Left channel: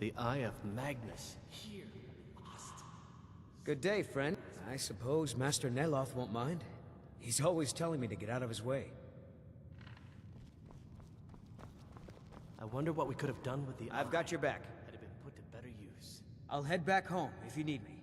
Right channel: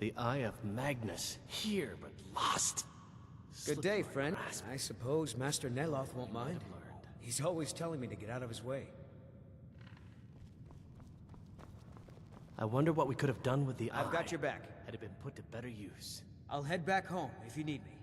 The Eye of Magnus, here but lost. Good day, friend. I suppose Master Neloth won't mind. He's always telling me to get out of his way. I wonder what we could have done with the eye. I've got your back. Had it been put to better use. I'll head back home if you need me.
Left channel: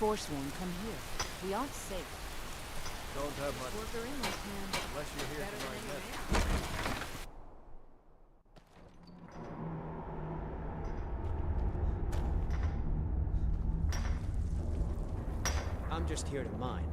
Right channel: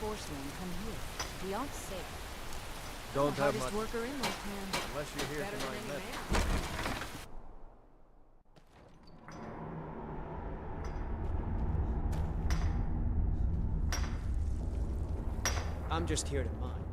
Forsworn come here. We aren't safe. Don't have much. Worker in Northman. Unless you're here Better for than my any message. I'm just here to mine.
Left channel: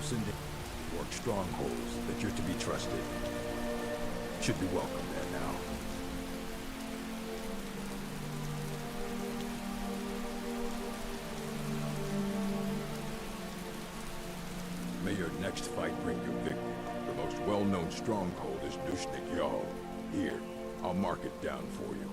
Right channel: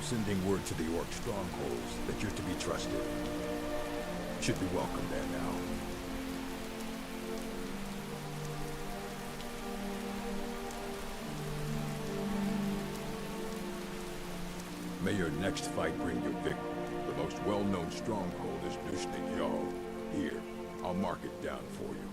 I'm sending word to the Orc strongholds that you're to be trusted. Should be welcome there now. May your next fight bring you victory. The most well-known stronghold is Dushnik Yal. Here, I'll mark it down for you.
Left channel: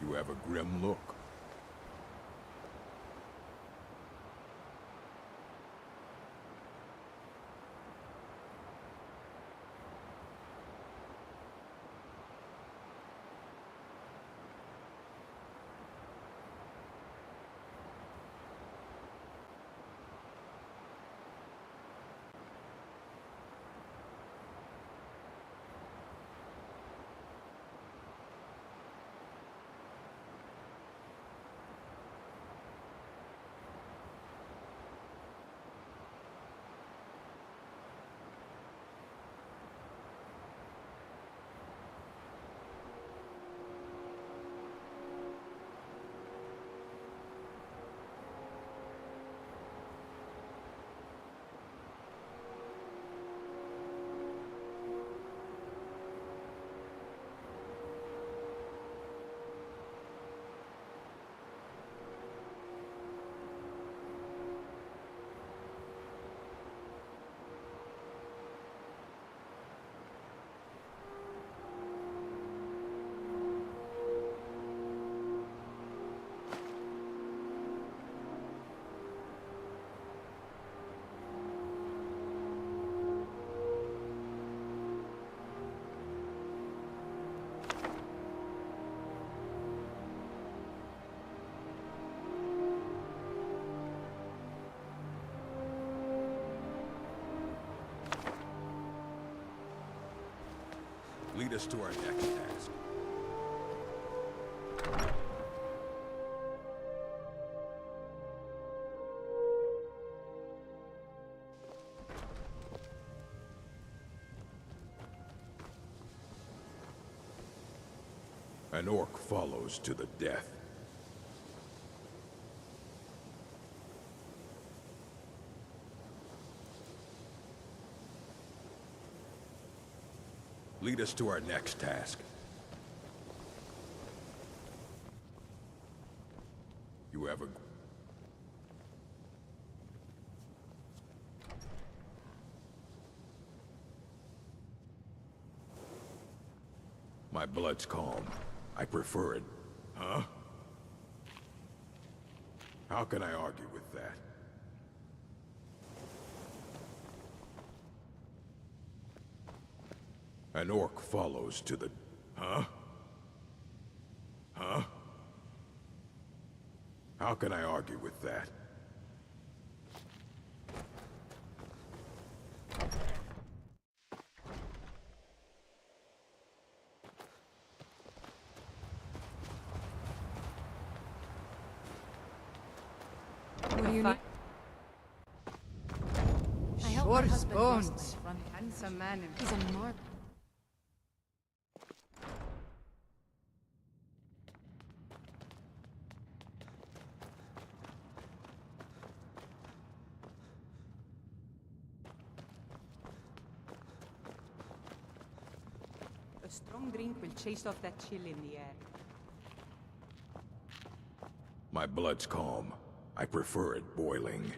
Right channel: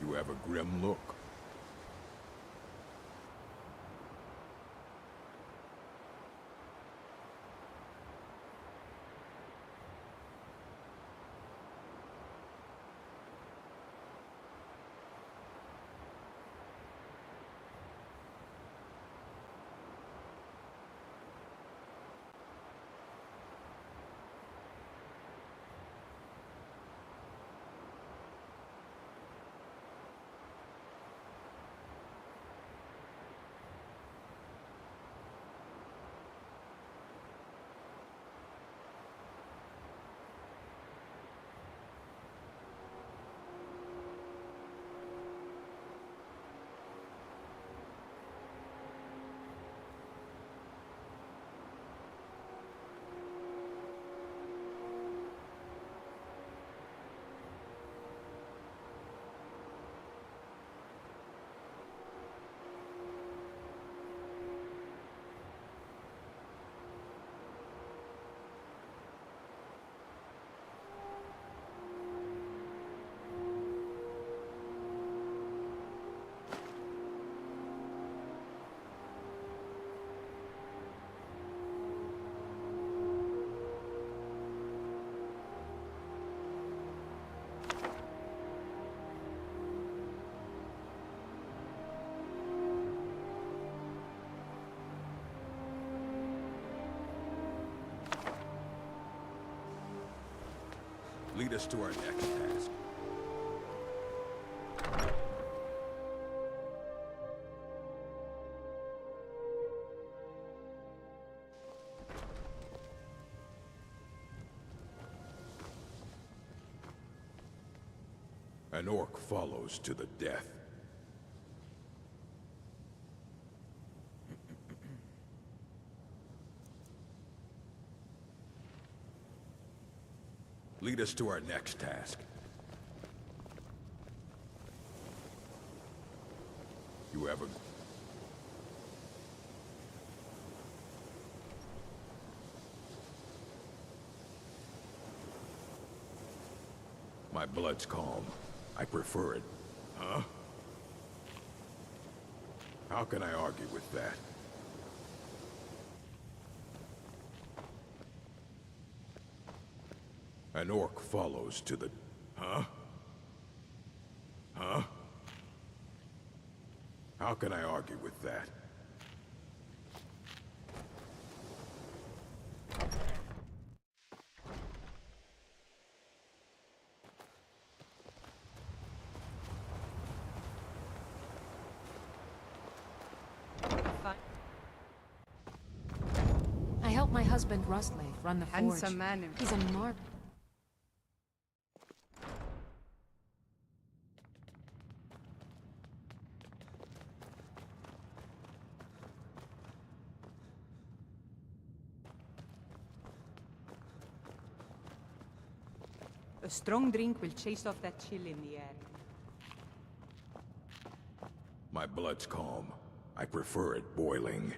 You have a grim look. Lead us to our next task. An orc follows to the death. Lead us to our next task. You have a... My blood's calm. I prefer it. Huh? How can I argue with that? An orc follows to the... Huh? Huh? How can I argue with that? I helped my husband bones. Rostley run the forge. Handsome man in He's a mark. A strong drink will chase off that chill in the air. My blood's calm. I prefer it boiling.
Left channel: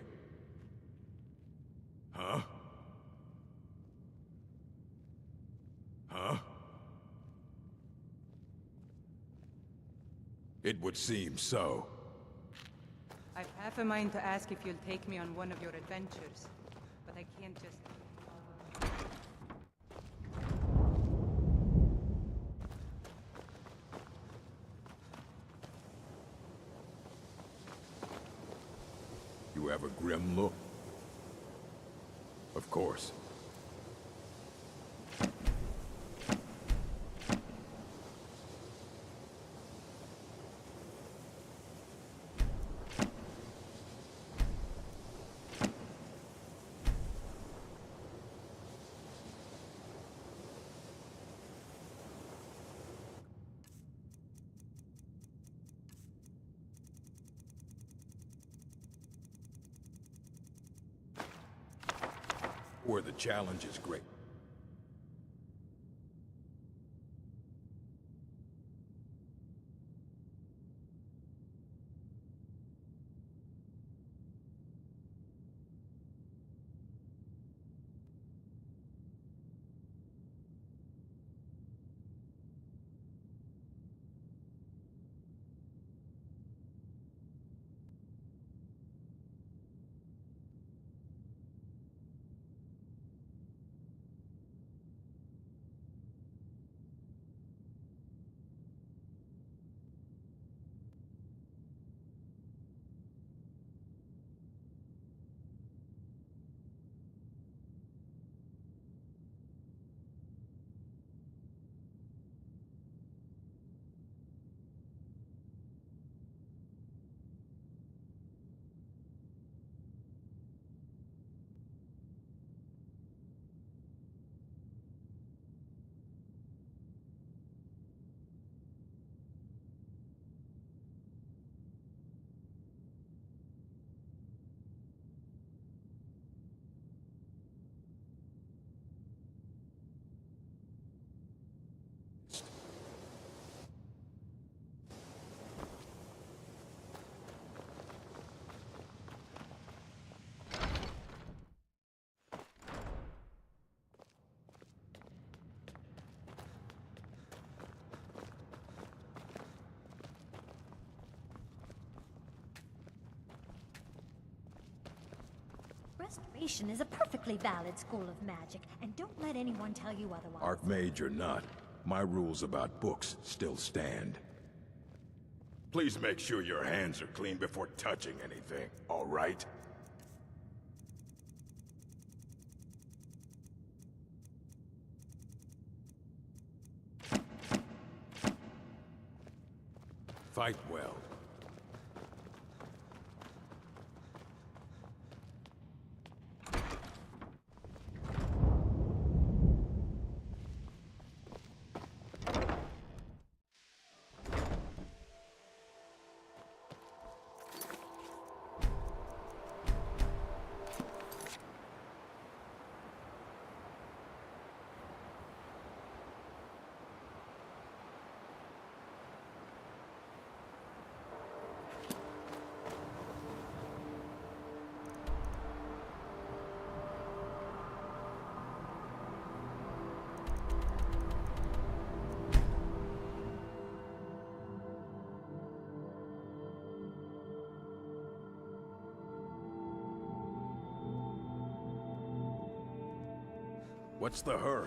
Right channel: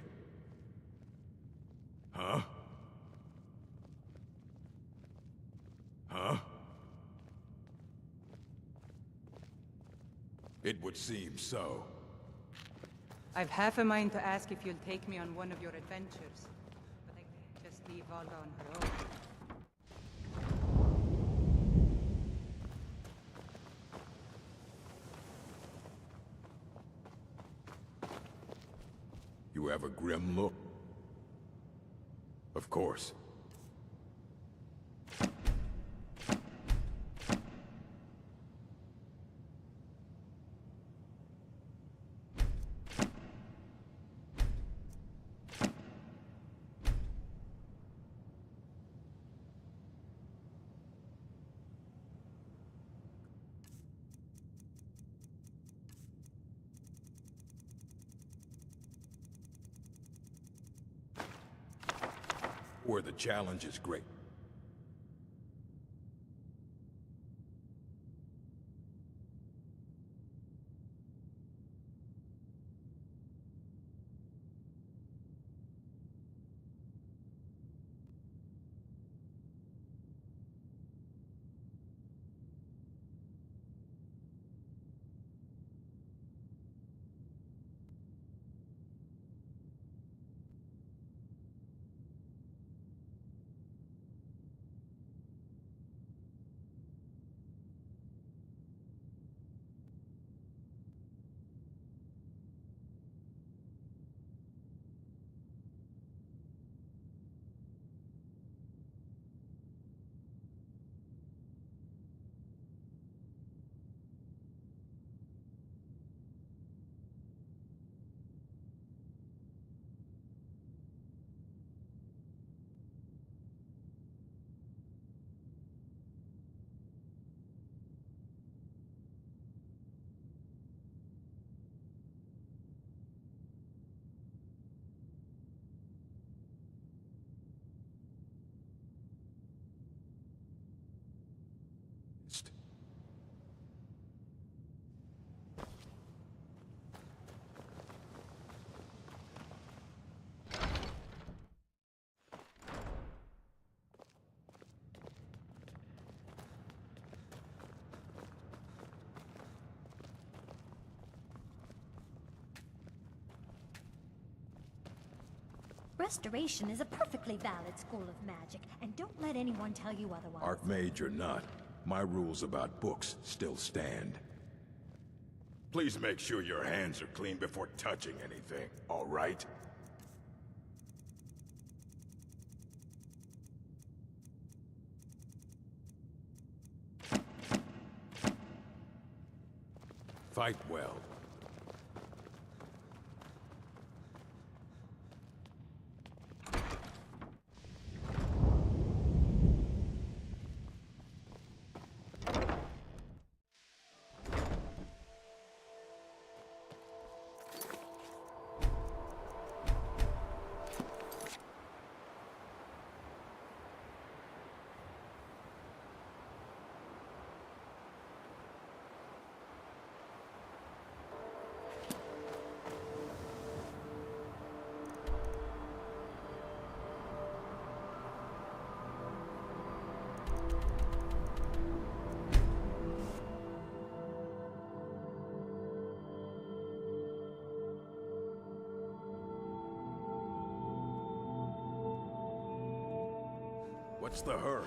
Huh? Huh? It would seem so. I've half a mind to ask if you'll take me on one of your adventures, but I can't just leave Vaga on her own. have a grim look? Of course. Where the challenge is great. Restoration is a perfectly valid school of magic, and don't let anyone tell you otherwise. Archmage or not, my rules about books still stand. Please make sure your hands are clean before touching anything, all right? Fight well. What's the hurry?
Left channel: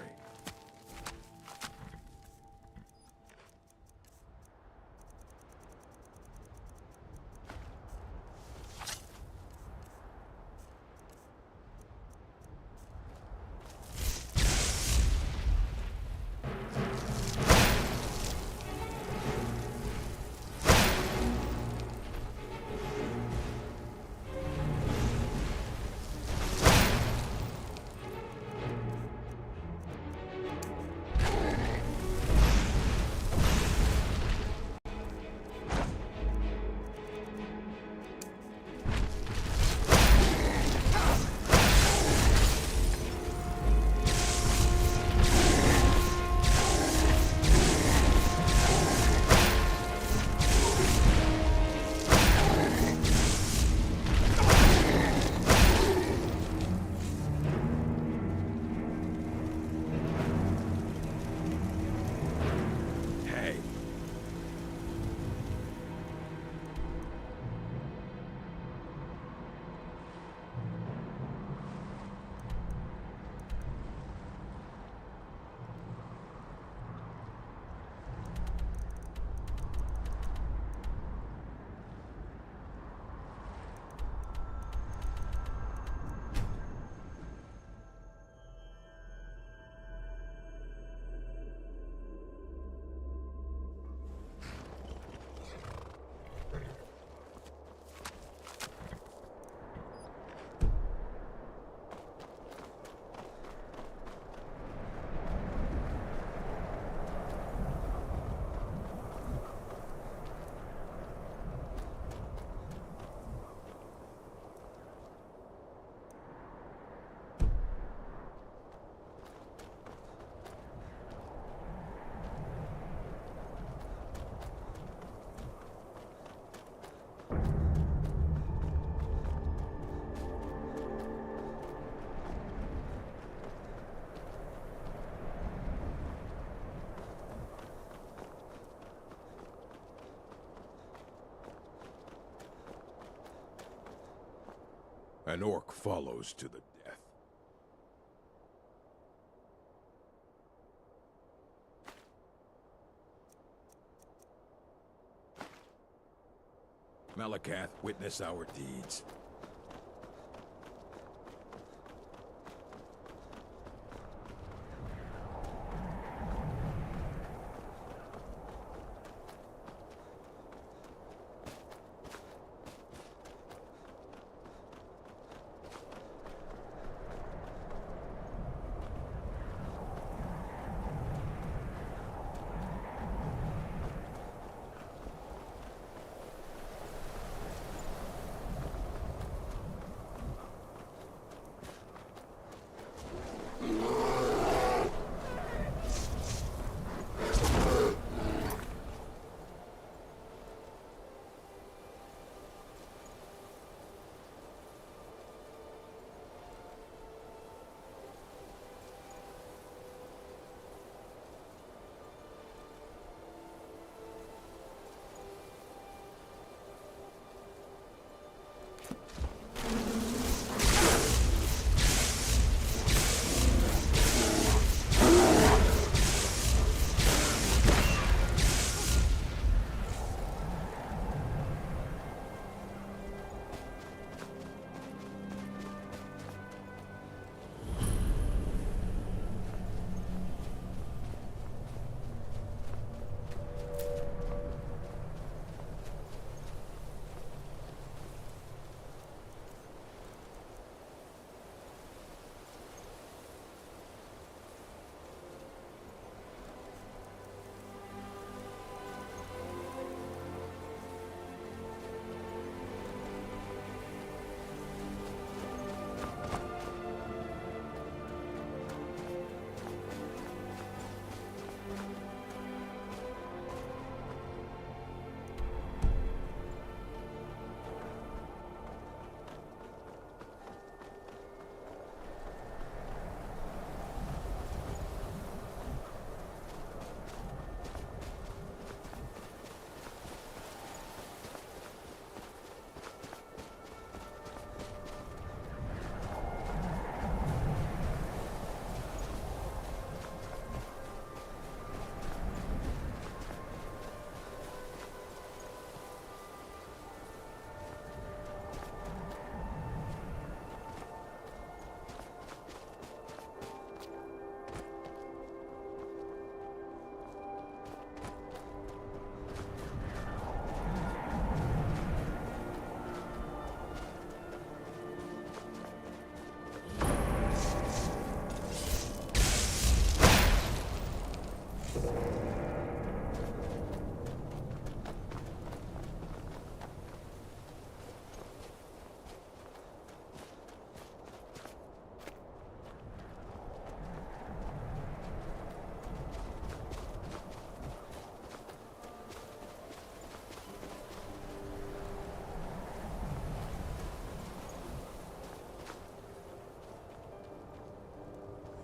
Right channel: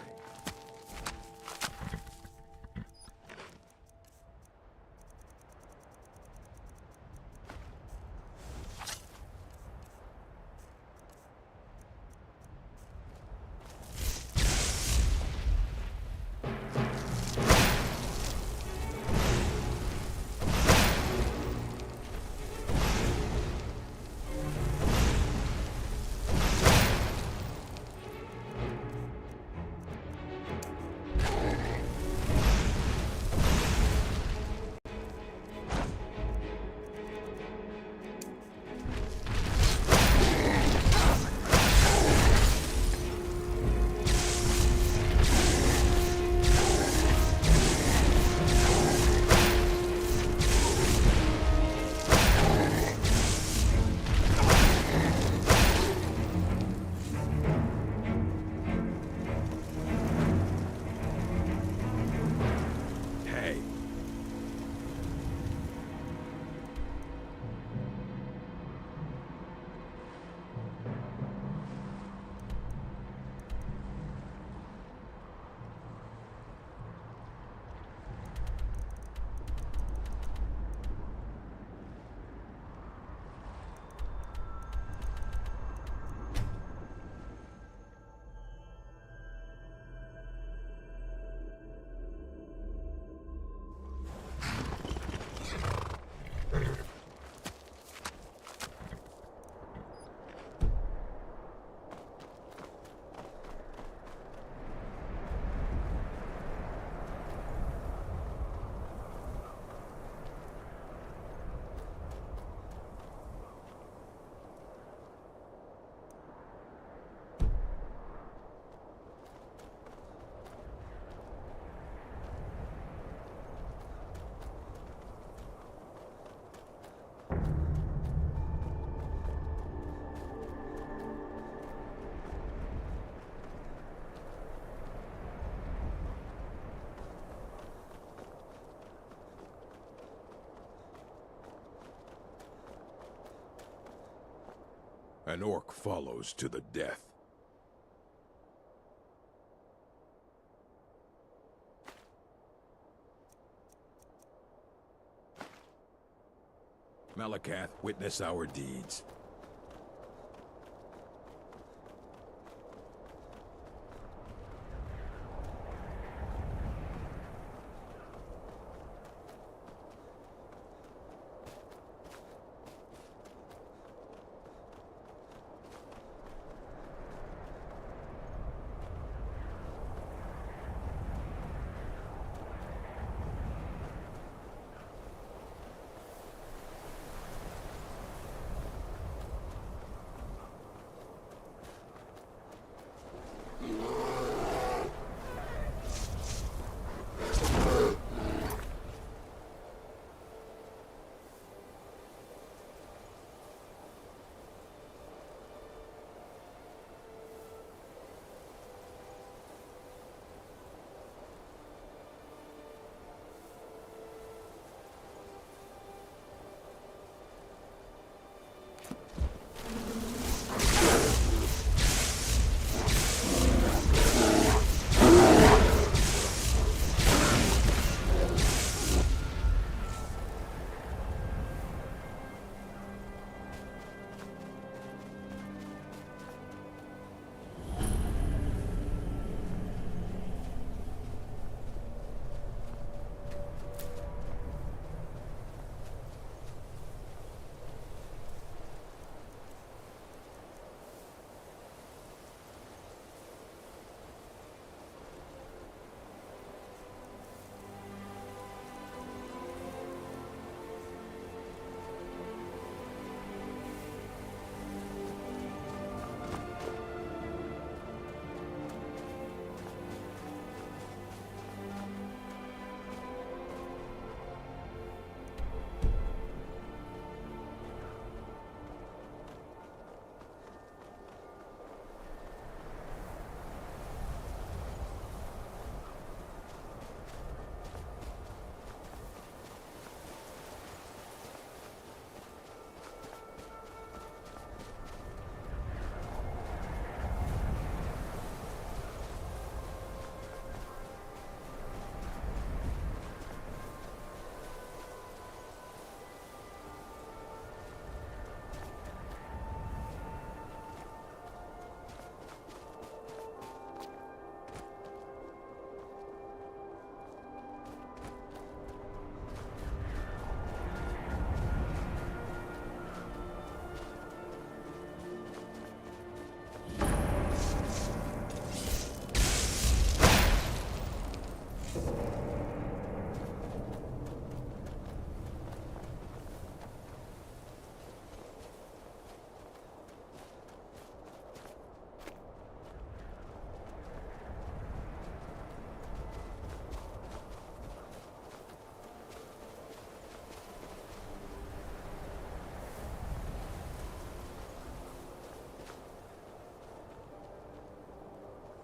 An orc follows to the death. Malakath, witness our deeds.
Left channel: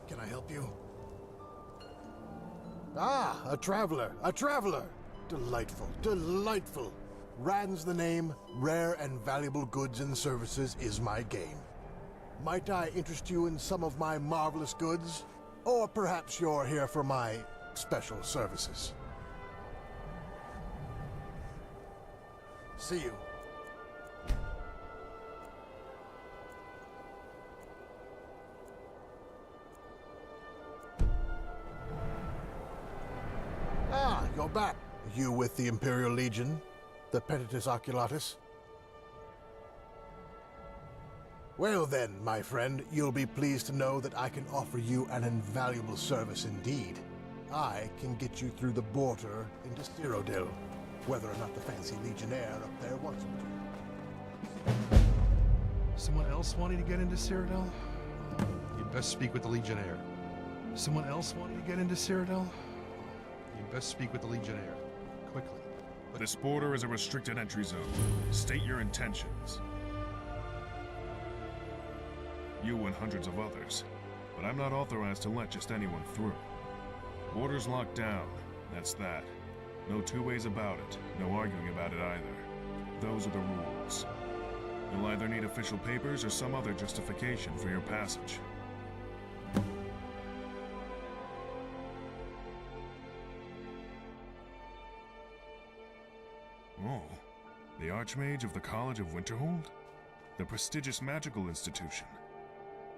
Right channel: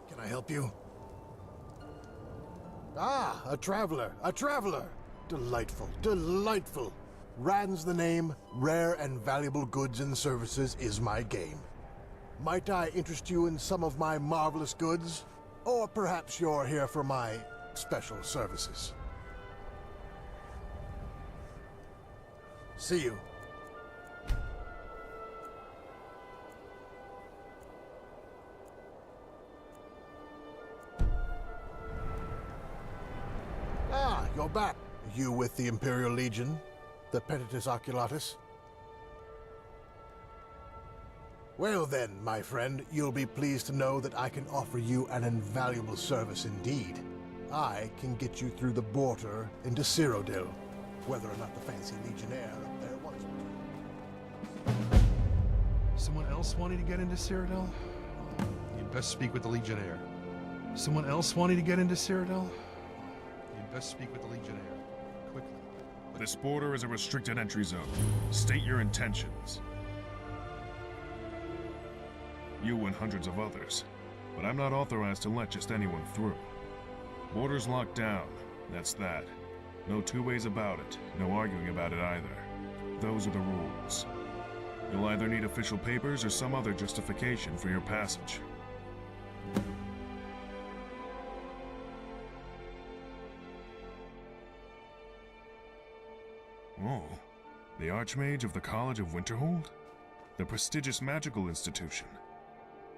Can I help you? Ah, a traveler, a traveler! Delightful, delightful. Rand's the name, rare and valuable goods and services is my game. Might I interest you in some of my marvelous goods? Or perhaps you're here for my special services. See you. Ah, you're back. You with the Imperial Legion? The Penitus Oculatus? Well then, my friend, you'll be pleased to know that I can offer you an invaluable service indeed. I can get you through the border into Cyrodiil, whether or not the fancy Legionnaire up there wants me to. Someone else wanting to get into Cyrodiil? You'd best speak with the Legionnaire. Someone else wanting to get into Cyrodiil? You'd best speak with the Legionnaire. Quickly. This border is a restricted entry zone. State your intentions. You and hundreds of others. But I'm not authorized to let just anyone through. Border's locked down. That's that. No two ways about it. No arguing about it either. Those are the rules. You'll either need official papers or some other justification for your passage. Oh, the Archmage of the College of Winterhold? The prestigious magical institution.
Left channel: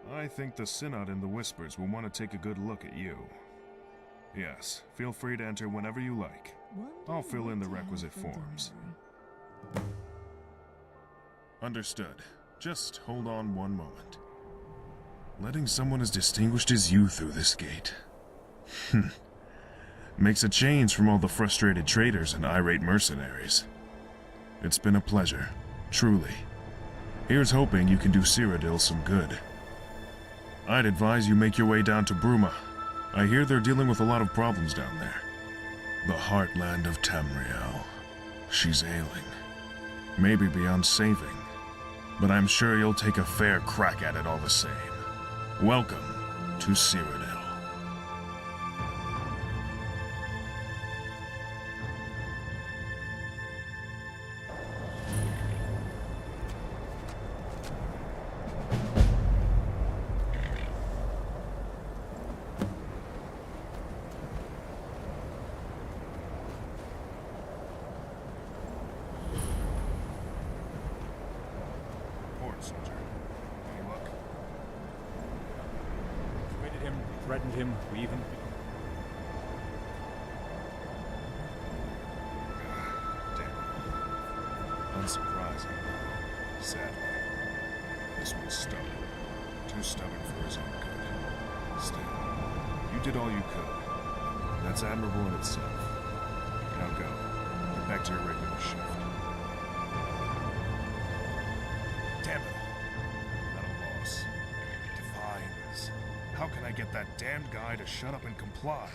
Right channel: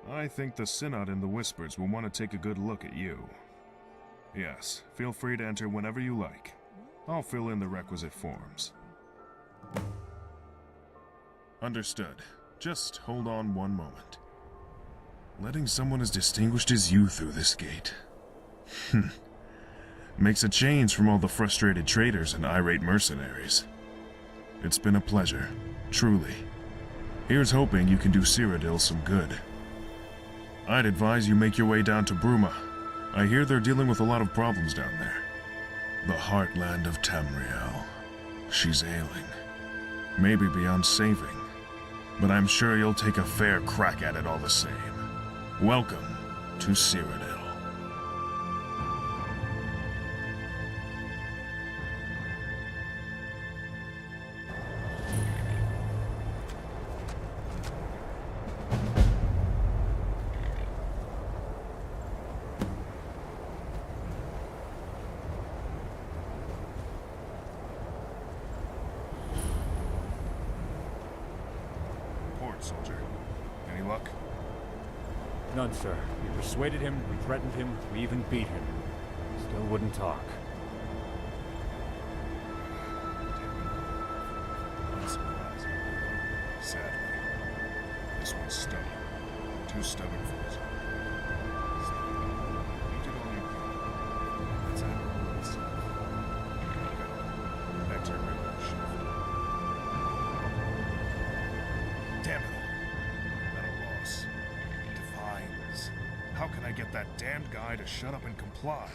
I think the Synod and the Whispers will want to take a good look at you. Yes, feel free to enter whenever you like. I'll fill in the requisite forms. Understood. Just hold on one moment. Letting someone as distinguished as you through this gate. Makes a change from all the frustrated traders and irate mercenaries. It's been a pleasure, truly. Here's hoping you can do Cyrodiil some good. I'd advise you make your way down to Bruma. I hear they're dealing with a lot of problems down there. The heartland of Tamriel. She's ailing. Maybe beyond saving. But I'm sure you'll take a fair crack at it all the same. Welcome to Cyrodiil. Soldier. Any luck? None, sir. We persuaded him, we threatened him, we even beat him. Still wouldn't talk. Damn it. Unsurprising. Sadly. This one's stubborn. Too stubborn for his own good. Still, you did all you could. That's admirable in itself. Now go. Get back to your regular shift. Damn it all. Not a loss. Divines. How can I get that damned guy to shut up and comply?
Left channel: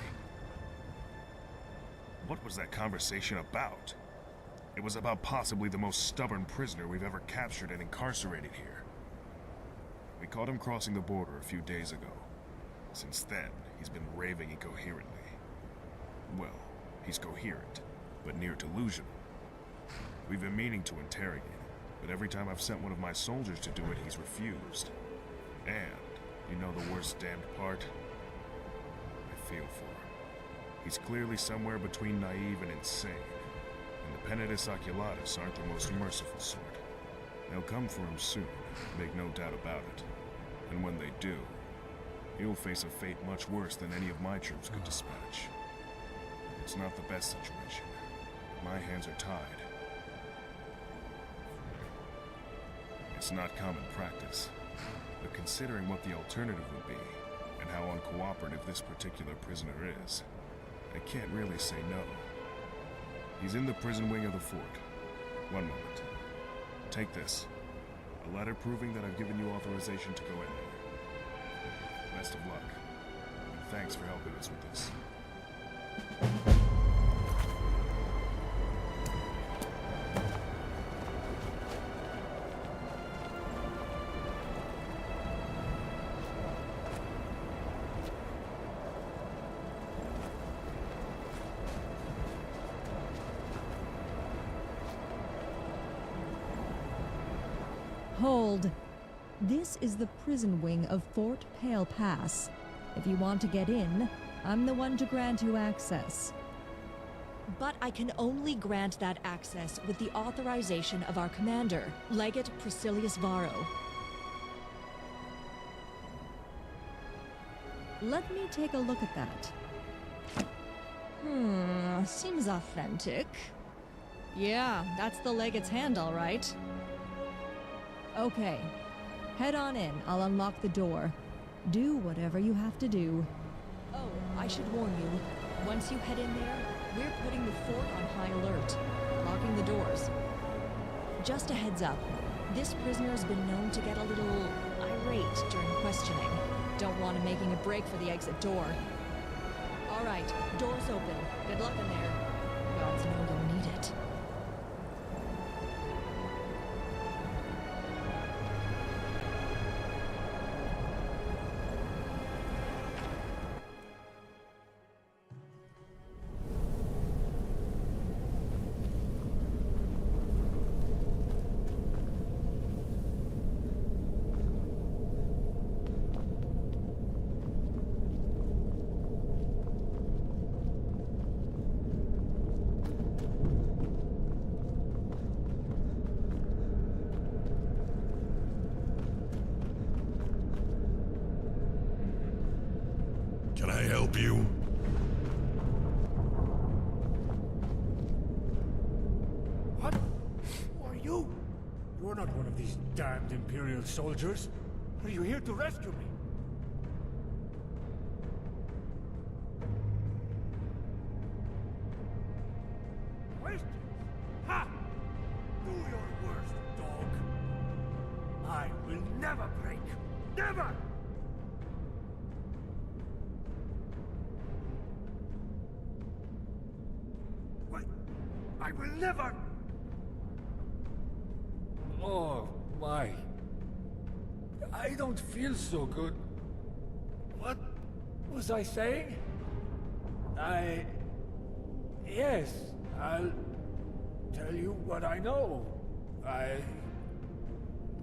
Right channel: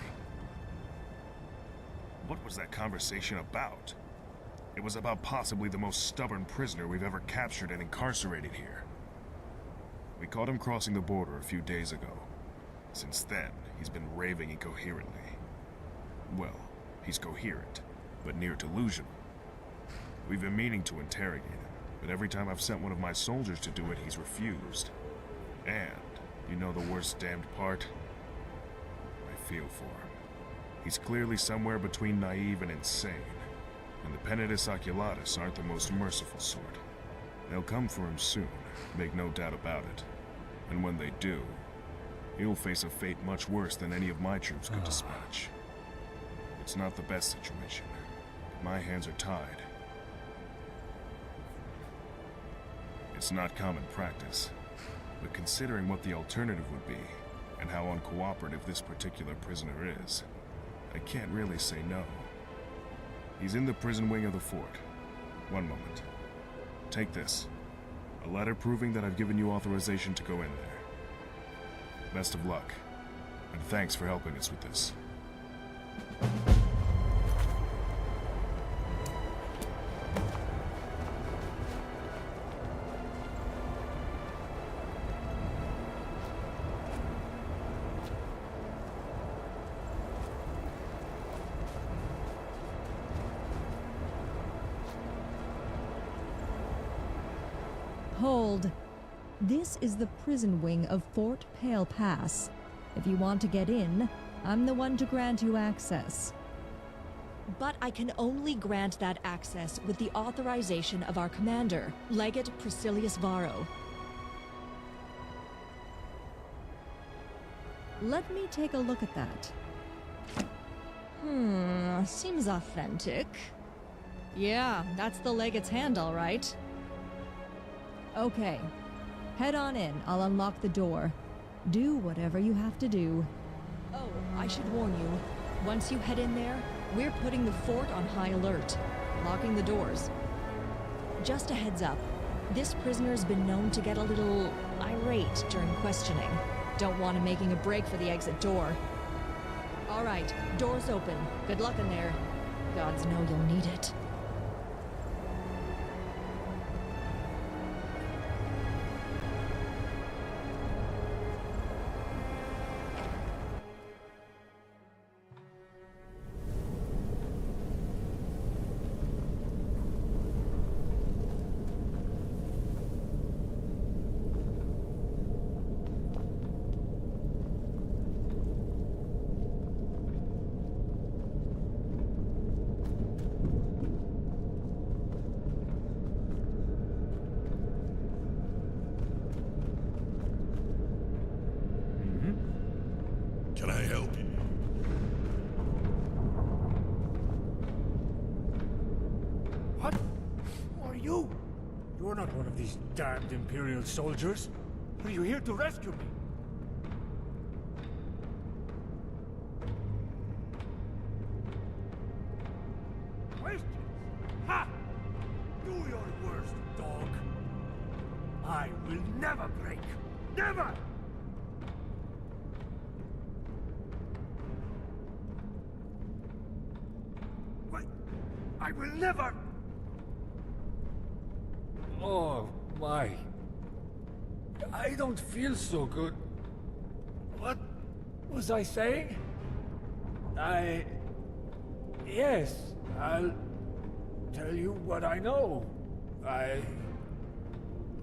What was that conversation about? It was about possibly the most stubborn prisoner we've ever captured and incarcerated here. We caught him crossing the border a few days ago. Since then, he's been raving incoherently. Well, he's coherent, but near delusional. We've been meaning to interrogate him, but every time I've sent one of my soldiers to do it, he's refused. And, you know the worst damned part? I feel for him. He's clearly somewhere between naive and insane, and the Penitus Oculatus aren't the most merciful sort. They'll come for him soon, make no doubt about it. And when they do, he'll face a fate much worse than any of my troops could dispatch. It's not the best situation, but my hands are tied. It's not common practice, but considering what the alternative would be, and how uncooperative this particular prisoner is, I can't really say no. He's in the prison wing of the fort. One moment. Take this. A letter proving that I've given you authorization to go in there. Best of luck, and thanks for helping us with this. Hold. This is the prison wing of Fort Pale Pass. If you want to get in, I'm the one to grant you access. But I can only grant that access with the authorization of our commander, Legate Priscillius Varro. Let me take a look at that. Seems authentic. Yeah, that's the Legate's hand, all right. Okay. Head on in. I'll unlock the door. Do whatever you have to do. Oh, I should warn you. Once you head in there, we're putting the fort on high alert, locking the doors. Just a heads up, this prisoner's been known to get a little irate during questioning. Don't want him making a break for the exit door. All right, door's open. Good luck in there. Gods know you'll need it. help you? What? Who are you? You're not one of these damned Imperial soldiers. Are you here to rescue me? Questions? Ha! Do your worst, dog. I will never break. Never! What? I will never... Oh, my. I don't feel so good. What was I saying? Yes, I'll tell you what I know.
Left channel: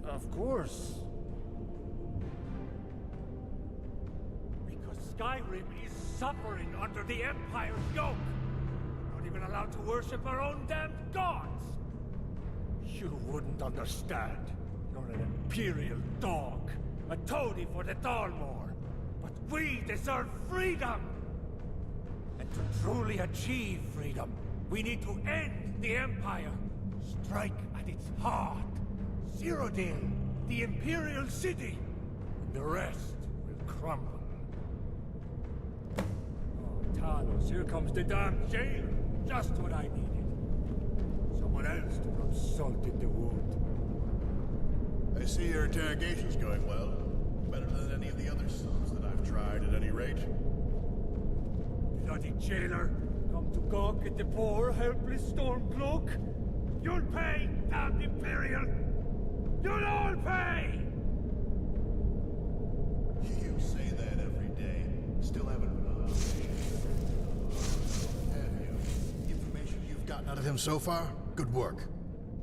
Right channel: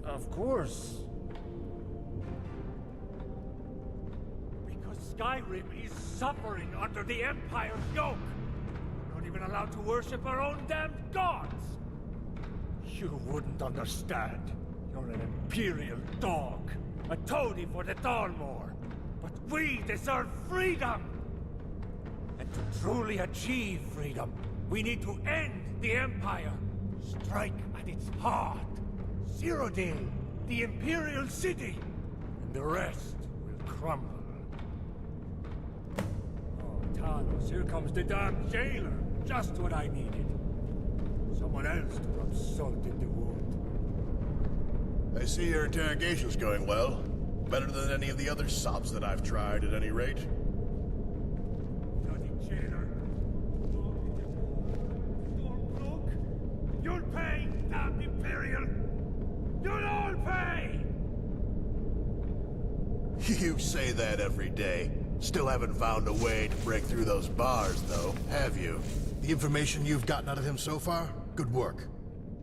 Of course. Because Skyrim is suffering under the Empire's yoke. We're not even allowed to worship our own damned gods. You wouldn't understand. You're an Imperial dog. A toady for the Dalmor. But we deserve freedom! And to truly achieve freedom, we need to end the Empire. Strike at its heart. Cyrodiil, the Imperial city. And the rest will crumble. Oh, Talos, here comes the damn jailer. Just what I needed. Someone else to rub salt in the wound. I see your interrogation's going well. Better than any of the other sops that I've tried, at any rate. Bloody jailer! Come to gawk at the poor, helpless Stormcloak? You'll pay, damned Imperial! You'll all pay! You say that every day. Still haven't found a way to break through those bars, though, have you? The information you've gotten out of him so far? Good work.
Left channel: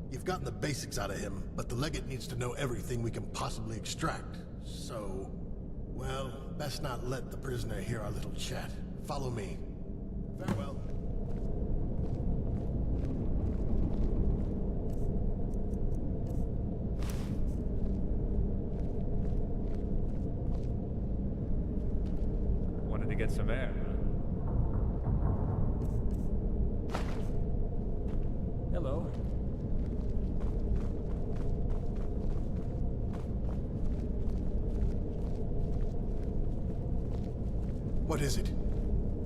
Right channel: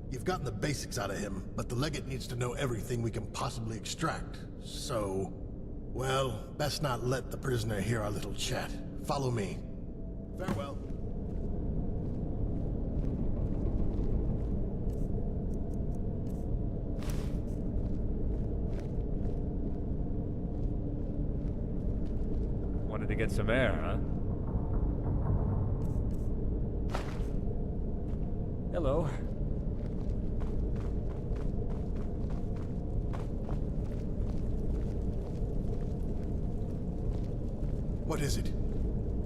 You've gotten the basics out of him, but the Legate needs to know everything we can possibly extract. So... well, best not let the prisoner hear our little chat. Follow me. Farewell. Wanted to get some air, huh? Hello. What is it?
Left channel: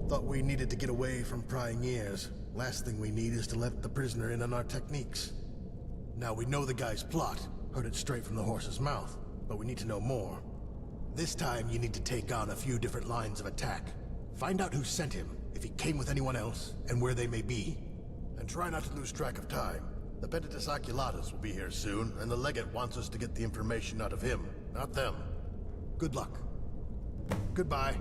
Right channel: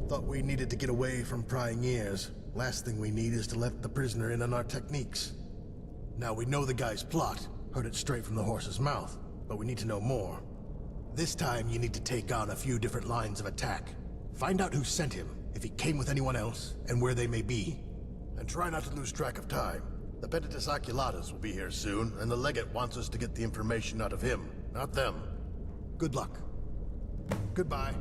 Thought we needed to get away from prying ears. Last thing we need is to let the prisoner in on our techniques. Now we know the guy's plot. Heard it straight from the horse's mouth. But we need to know more. This time you need to take on a few different lines of attack. Find out who sent him, if he came with anyone else, and where they may be. And try not to lose track of time. The Pentatus Oculatus will be here soon, and the Legate wants us to get the information out of him, not them. Good luck. Goodbye.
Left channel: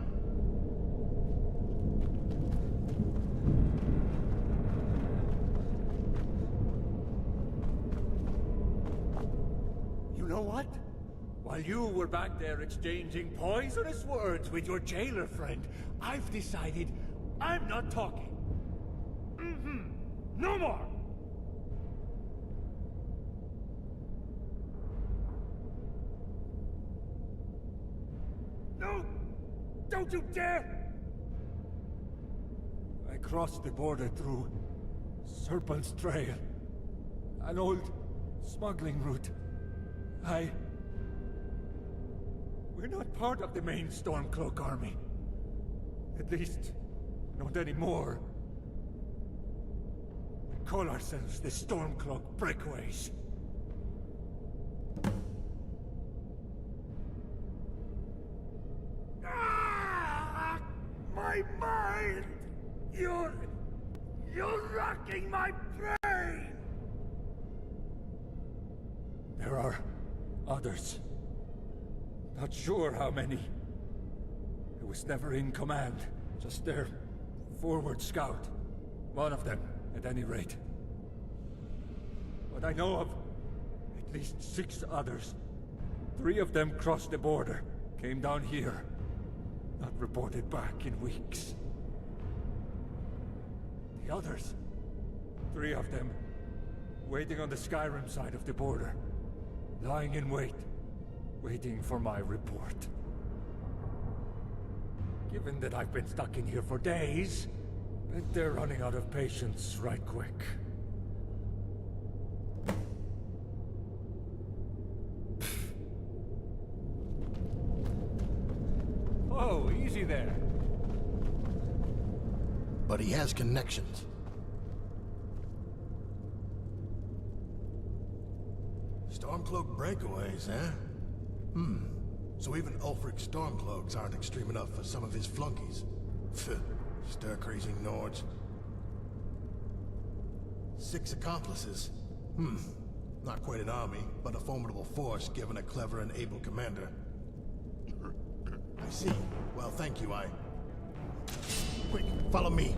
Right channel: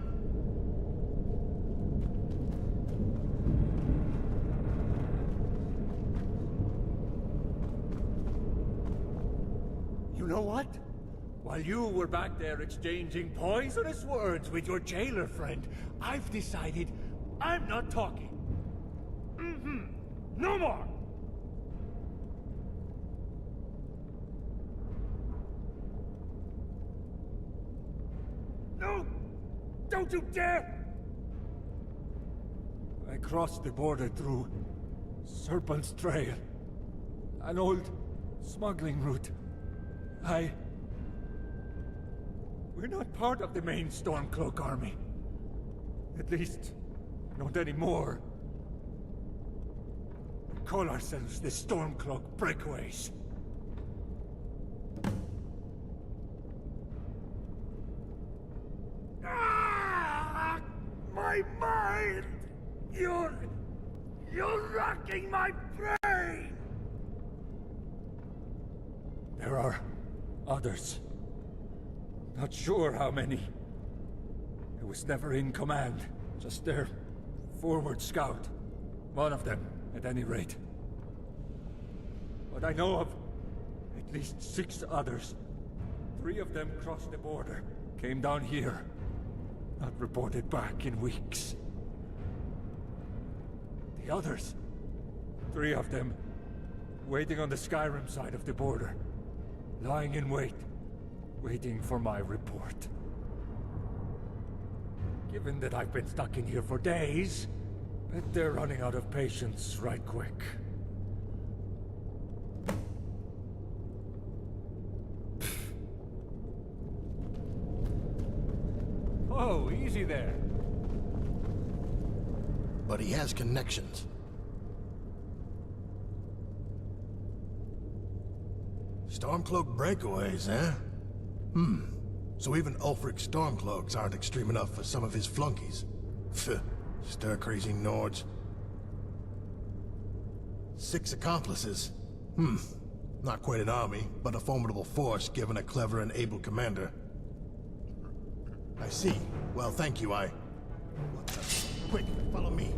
You know what? While you were back there exchanging poisonous words with your jailer friend, I've decided I'm not talking. No more! No! Don't you dare! I crossed the border through Serpent's Trail, an old smuggling route. We're not part of the main Stormcloak army. At least, not anymore. We call ourselves the Stormcloak Breakaways. Ah! My mind! You're racking my brain! There are others. Not sure how many. I was never in command. Just their forward scout. One of them, at any rate. But I know of at least 6 others. 3 of them crossed the border, came down here. Not reported back in weeks. The others, 3 of them, waiting on the Skyrim side of the border. Lying in wait, waiting for my report. Given that I've been stuck in here for days, bet they're running out of patience right quick. Oh, easy there. But he has connections. Stormcloak breakaways, eh? So even Ulfric Stormcloaks aren't extreme enough for some of his flunkies. Pfft, stir-crazy Nords. 6 accomplices. Not quite an army, but a formidable force given a clever and able commander. I see. Well, thank you, Quick, follow me.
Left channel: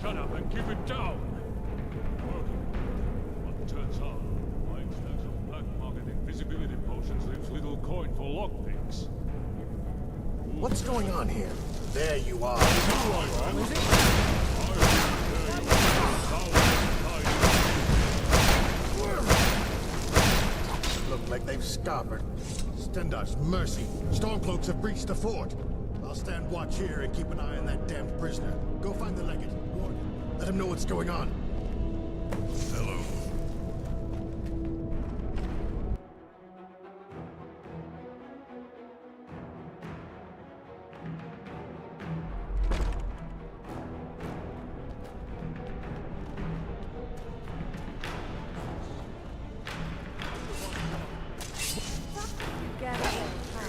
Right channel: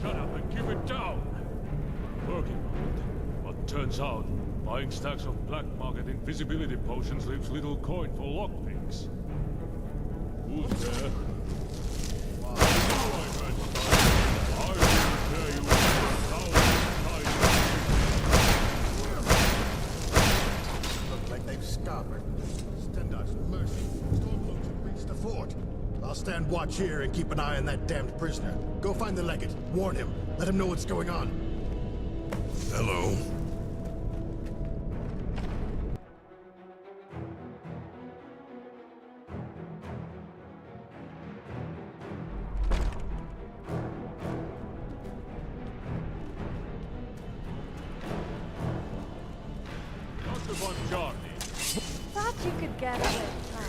Shut up and keep it down! Working on it. But turns out, buying stacks of black market invisibility potions leaves little coin for lockpicks. What's going on here? There you are. Look like they've scuppered. Stendar's mercy. Stormcloaks have breached the fort. I'll stand watch here and keep an eye on that damned prisoner. Go find the legate. Warn him. Let him know what's going on. Hello. Thought you could get away, huh?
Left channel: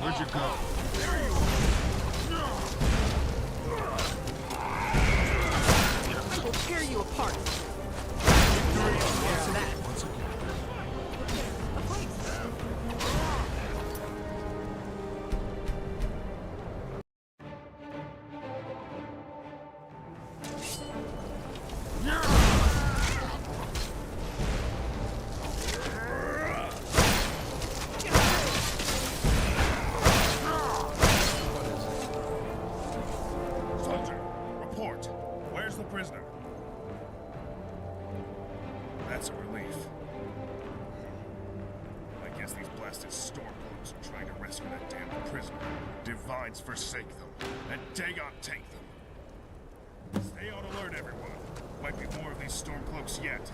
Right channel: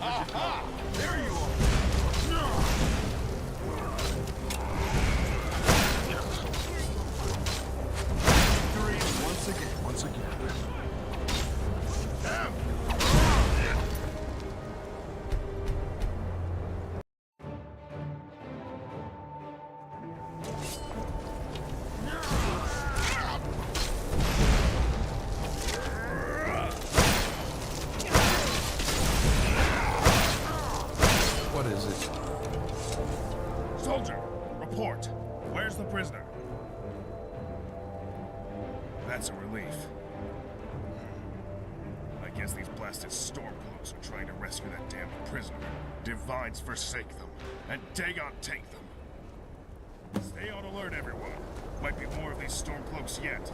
Where'd you go? There you are! I will tear you apart. Once again. What is it? Soldier, report. Where's the prisoner? That's a relief. I guess these blasted Stormcloaks are trying to rescue that damned prisoner. Divides forsake them, and Dagon take them. Stay on alert, everyone. Might be more of these Stormcloaks yet.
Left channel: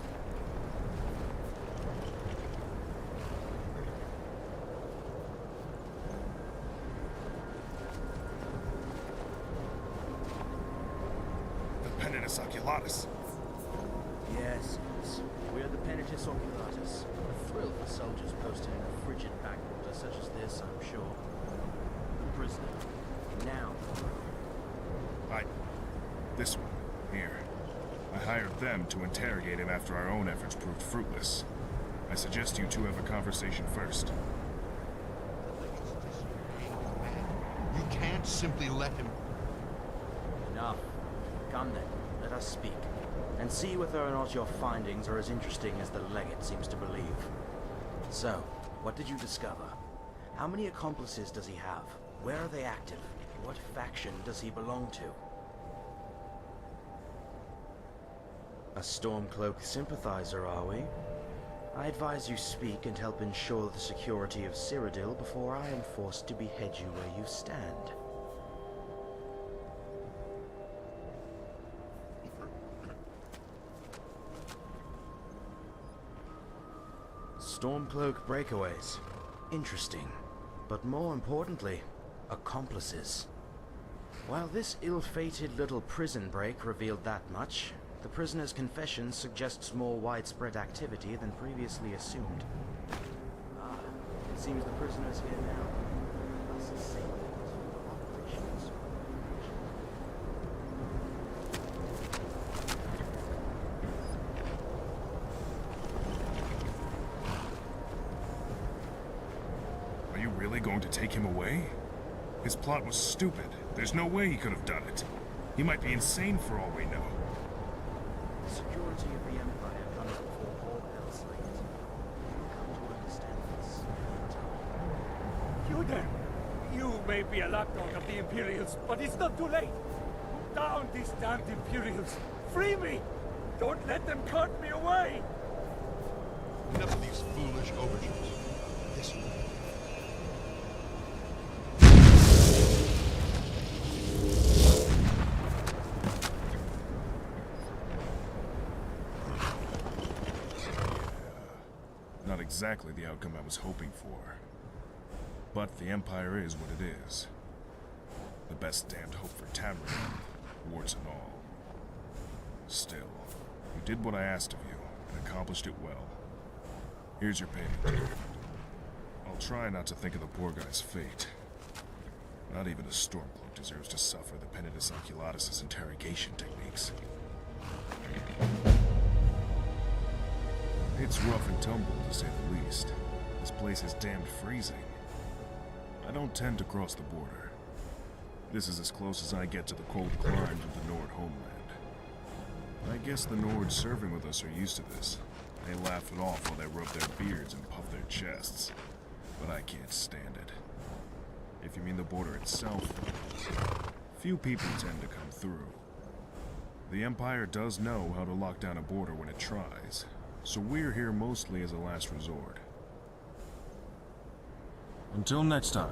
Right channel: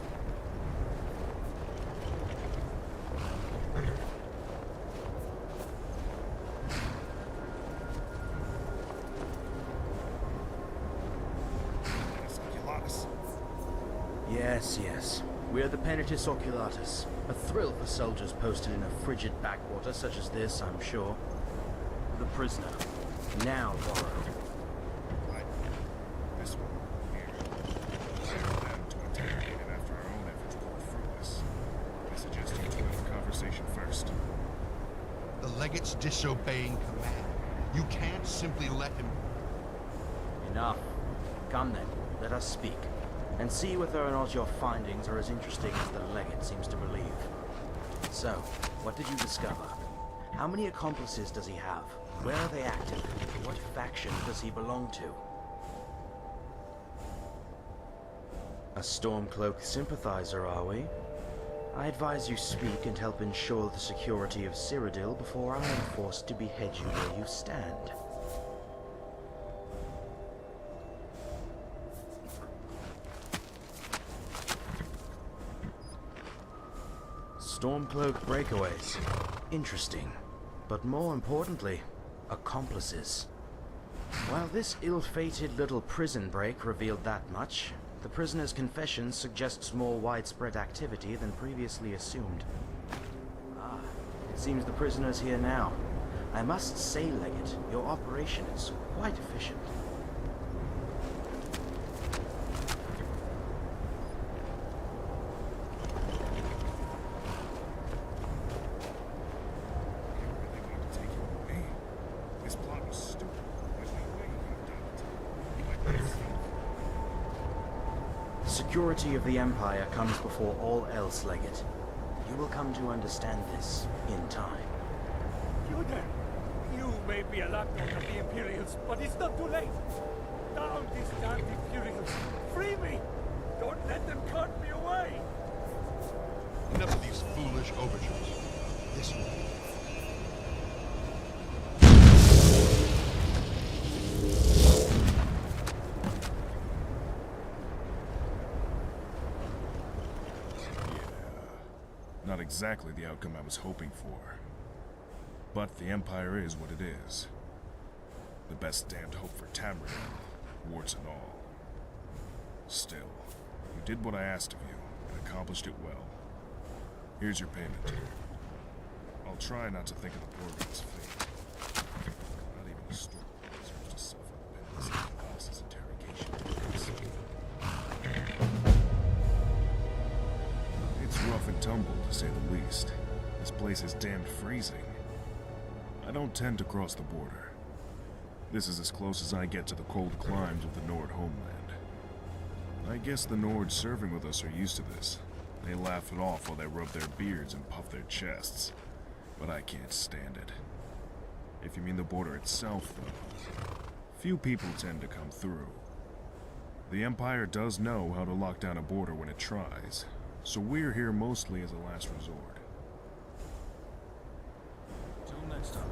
Penitus Oculatus. Yes, yes. We're the Penitus Oculatus. A thrill for soldiers posted in a frigid backwater such as this, I'm sure. The prisoner. Now borrowed. This one. Here. I hired them to interrogate him after our own efforts proved fruitless. I suggest you two have a conversation first. The legate's disobeying command. You can't simply let him... Enough. Come then, let us speak. And see whether or not your findings are as interesting as the legate seems to believe. So, what did you discover? How many accomplices does he have? Where are they active? What faction does he belong to? A Stormcloak sympathizer, are we? I advise you speak and help ensure the security of Cyrodiil before I am forced to behead you where you stand. Stormcloak breakaways. Interesting. But more importantly, accomplices. While this ill-fated little prison break revealed that much, the prisoner's confession suggests more widespread activity than previously assumed. Ah, it seems the prisoner's here now. I must say, Legate, your operation is quite efficient. Are you really going to take him away? His plot was stupid. There's no way he could have done it. He might be insane for all we know. The security of the Empire comes before all else, Legate. You will come to understand this in time. You there! You may be a lapdog of the Imperials, but it's not too late! Down these damned Imperials! Free me! Don't let them cart me away! Enough of these foolish overtures. This way. Not exactly the outcome I was hoping for. But the Empire is what it is. The best damned hope for Tamriel, warts and all. Still, you did what I asked of you, and accomplished it well. Here's your payment. I'll try not to think of the poor guy's fate. Not even a Stormcloak deserves to suffer the penitence of Culatis' interrogation techniques. It's rough and tumble, to say the least. This place is damned freezing. I don't tend to cross the border. This is as close as I get to the cold climes of the Nord homeland. I guess the Nords serving with us are used to this. They laugh it off while they rub their beards and puff their chests. But I can't stand it. If you mean the border itself, though, few people tend to come through. The Empire does know how to lock down a border when it tries, so we're here mostly as a last resort. Until next time.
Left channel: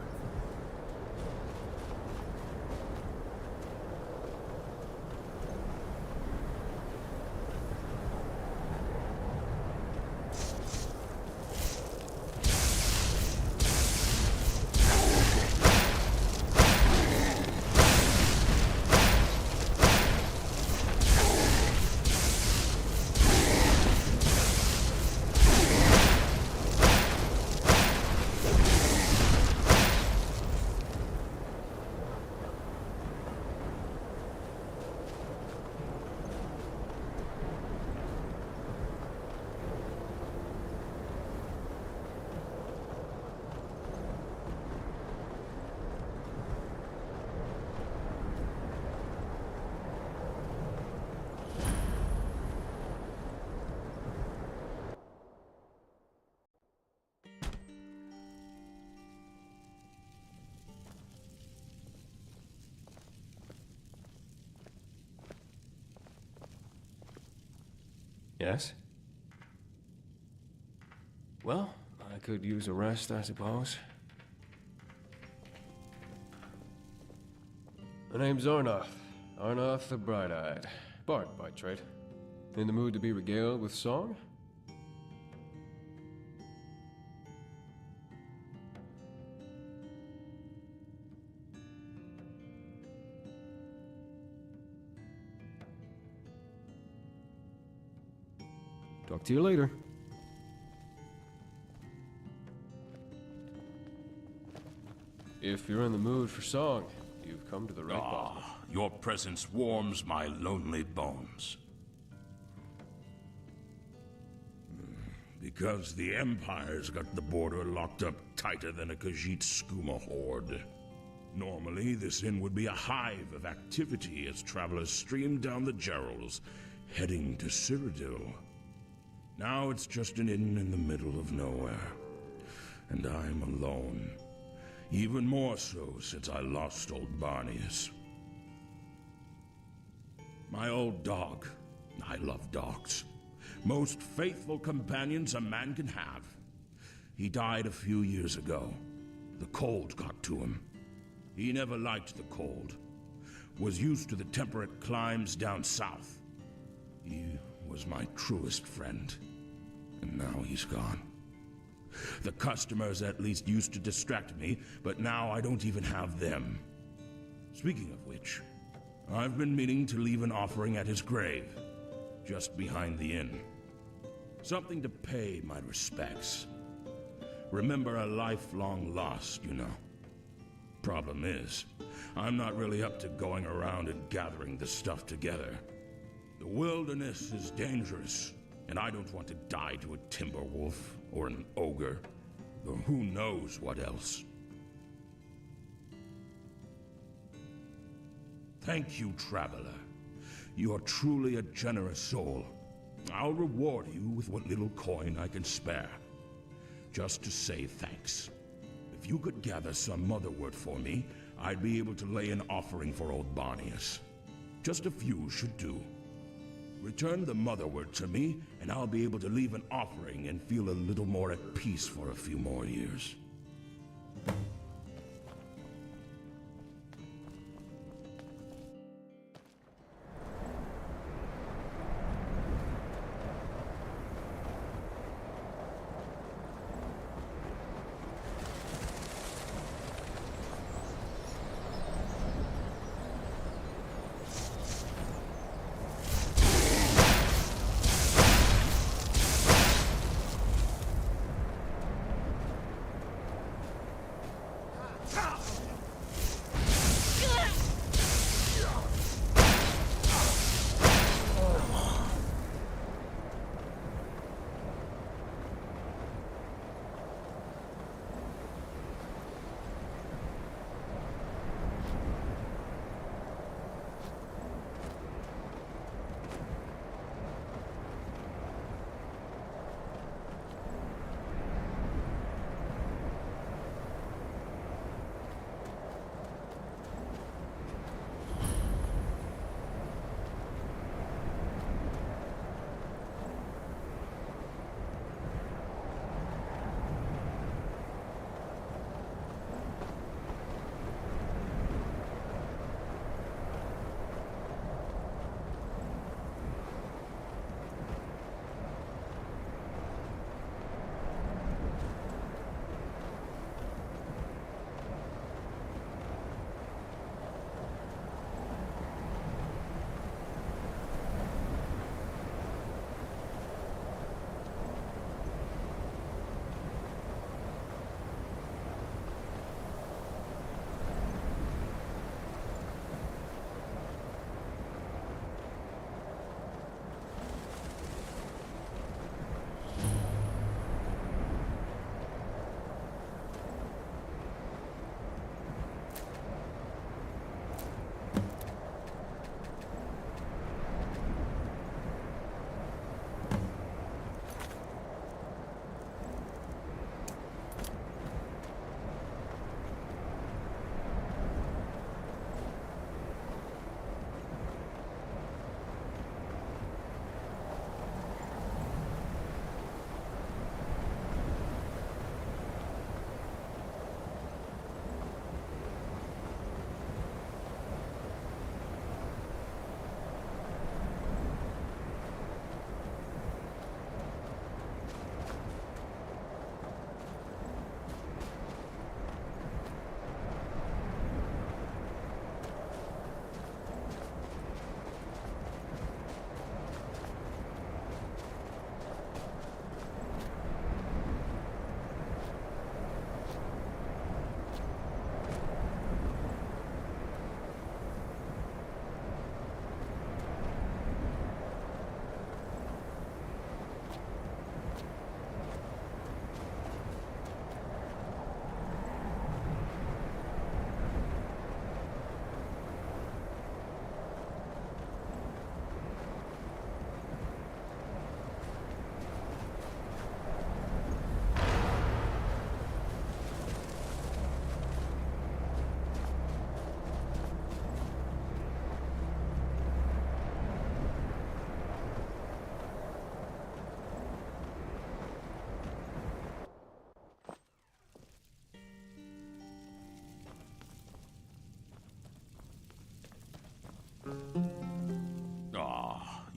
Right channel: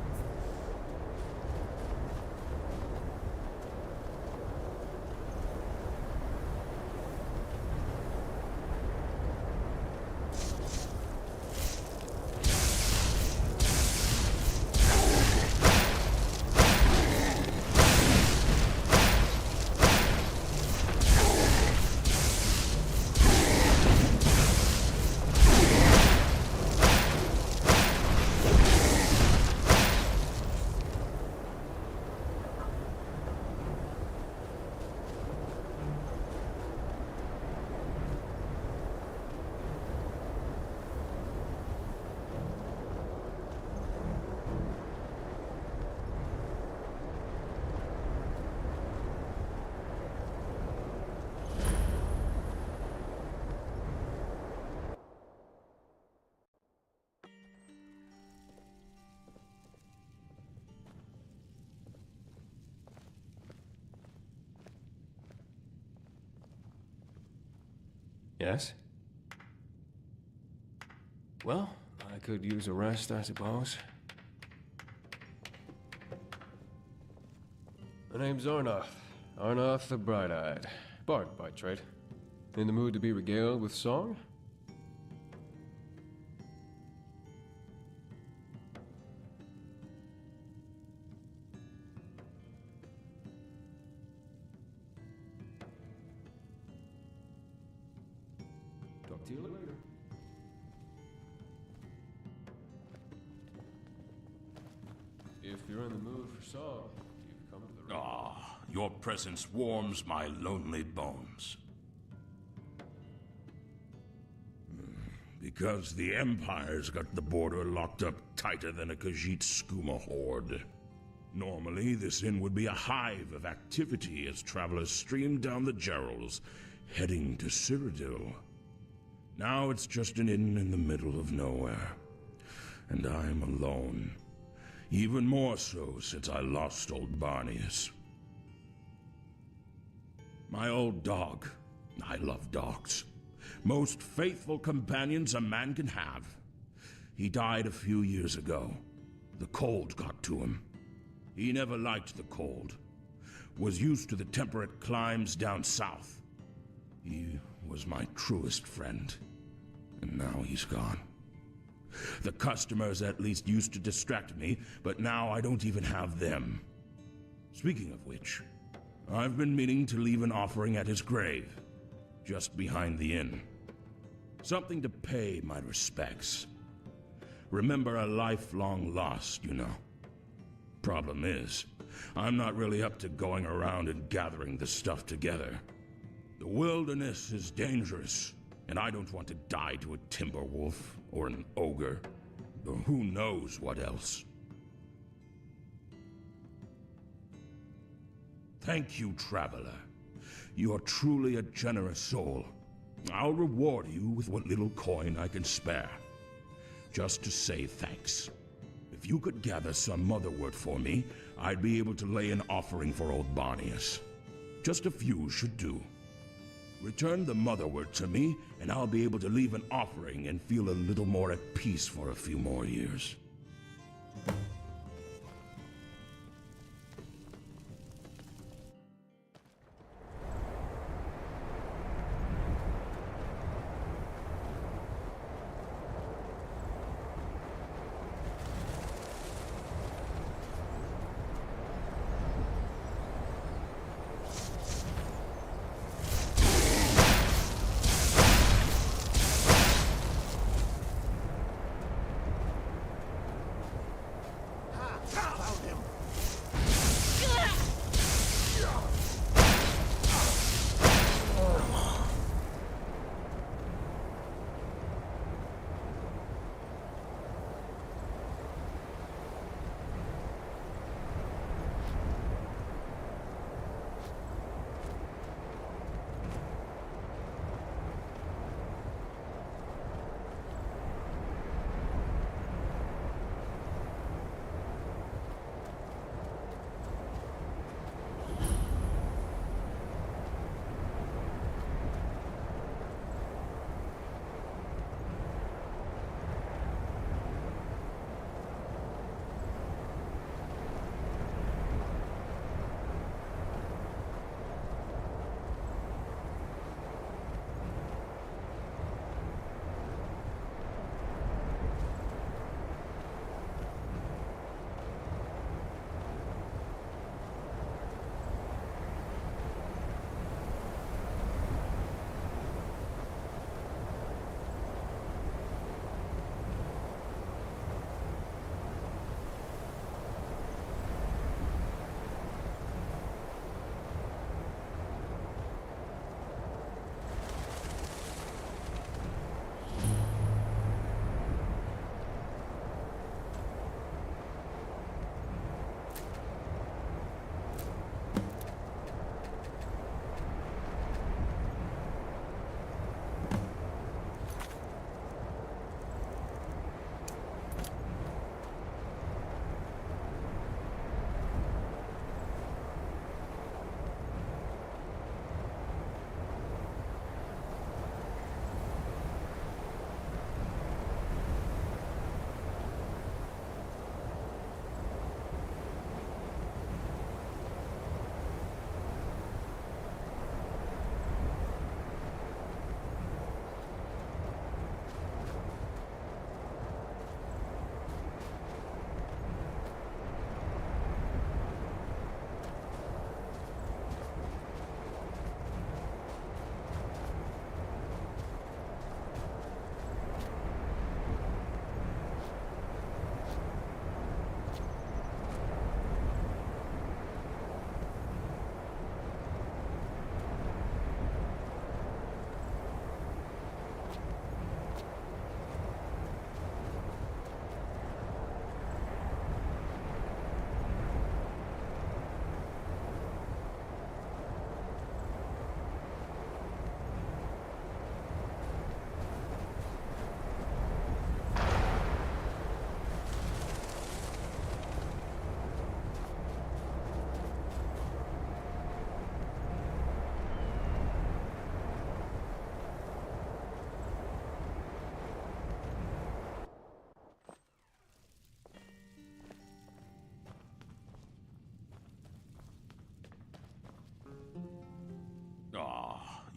Yes? Well, I could use a rest, I suppose. My name's Arnoth. Arnoth the Bright-Eyed. Bard by trade. In the mood to be regaled with song? Talk to you later. If you're in the mood for song, you've come to the right place. Your presence warms my lonely bones. Because the Empire's got the border locked up tighter than a Khajiit skooma horde. Normally, this inn would be a hive of activity as travelers stream down the Gerals, heading to Cyrodiil. Now it's just an inn in the middle of nowhere. And I'm alone. Even more so since I lost old Barnius. My old dog. I love dogs. Most faithful companions a man can have. He died a few years ago. The cold got to him. He never liked the cold. Was used to the temperate climes down south. He was my truest friend. And now he's gone. The customers at least used to distract me, but now I don't even have them. Speaking of which, I've been meaning to leave an offering at his grave, just behind the inn. Something to pay my respects. Remember a lifelong loss, you know. Problem is, I'm not really up to going around and gathering the stuff together. The wilderness is dangerous. And I don't want to die to a timber wolf or an ogre, or who knows what else. Thank you, traveler. You are truly a generous soul. I'll reward you with what little coin I can spare, just to say thanks. If you could gather some motherwort for me, I'd be able to lay an offering for old Barnius. Just a few should do. Return the motherwort to me, and I'll be able to leave an offering and feel a little more at peace for a few more years.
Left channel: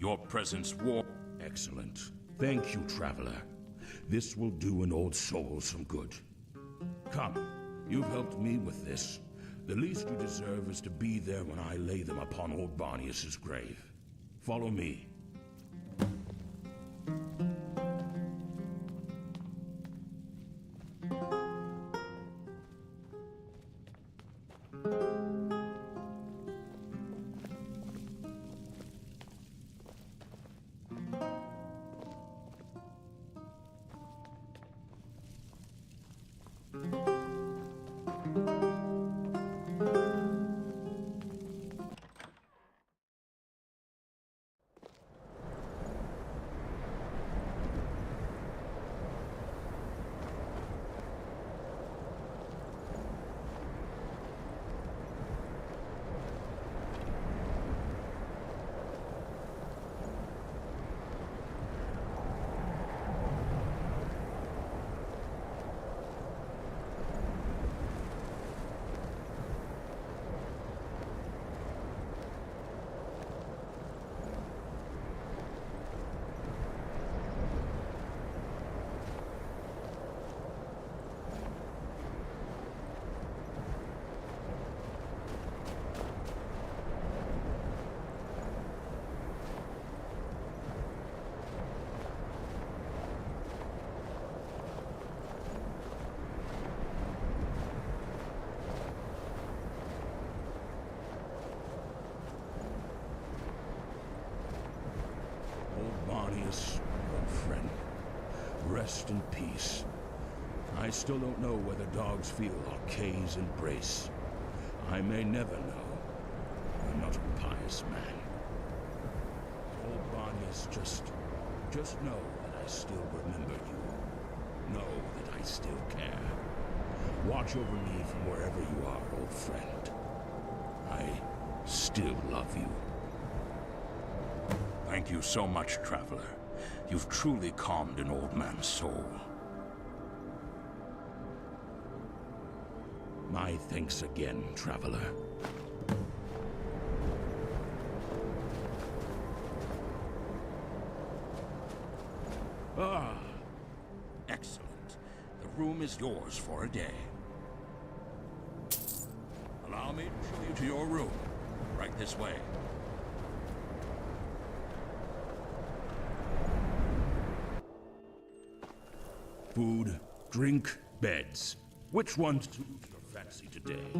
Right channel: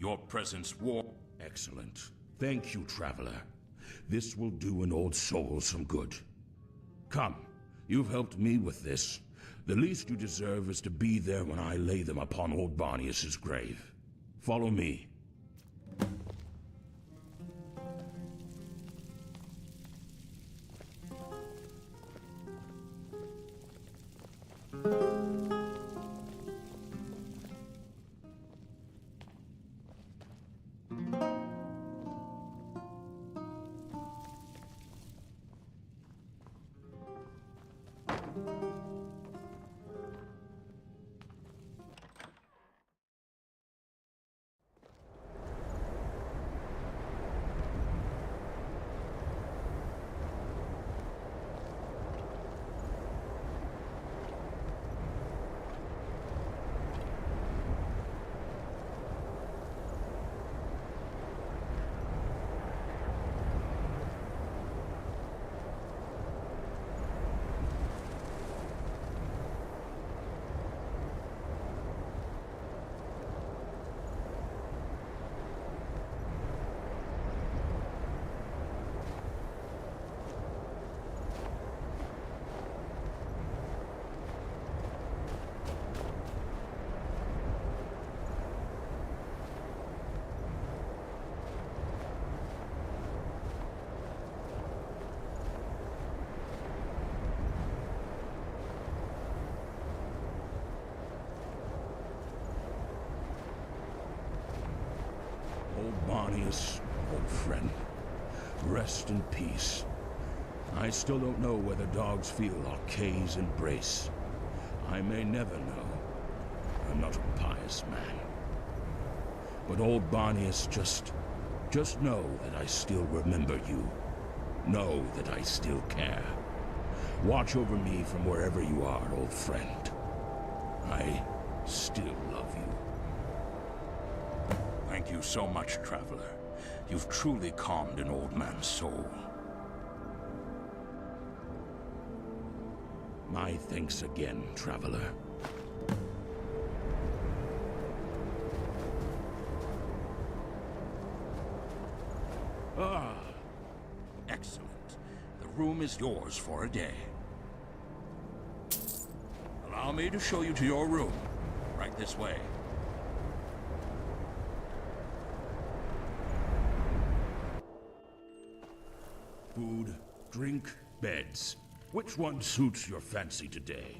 Your presence warm. Excellent. Thank you, traveler. This will do an old soul some good. Come, you've helped me with this. The least you deserve is to be there when I lay them upon old Barnius's grave. Follow me. Bonius, old friend, rest in peace. I still don't know whether dogs feel Arcay's embrace. I may never know. I'm not a pious man. But old Bonius, just know that I still remember you. Know that I still care. Watch over me from wherever you are, old friend. I still love you. Thank you so much, Traveler. You've truly calmed an old man's soul. My thanks again, Traveler. Ah, excellent. The room is yours for a day. Allow me to show you to your room. Right this way. Food, drink, beds. Which one suits your fancy today?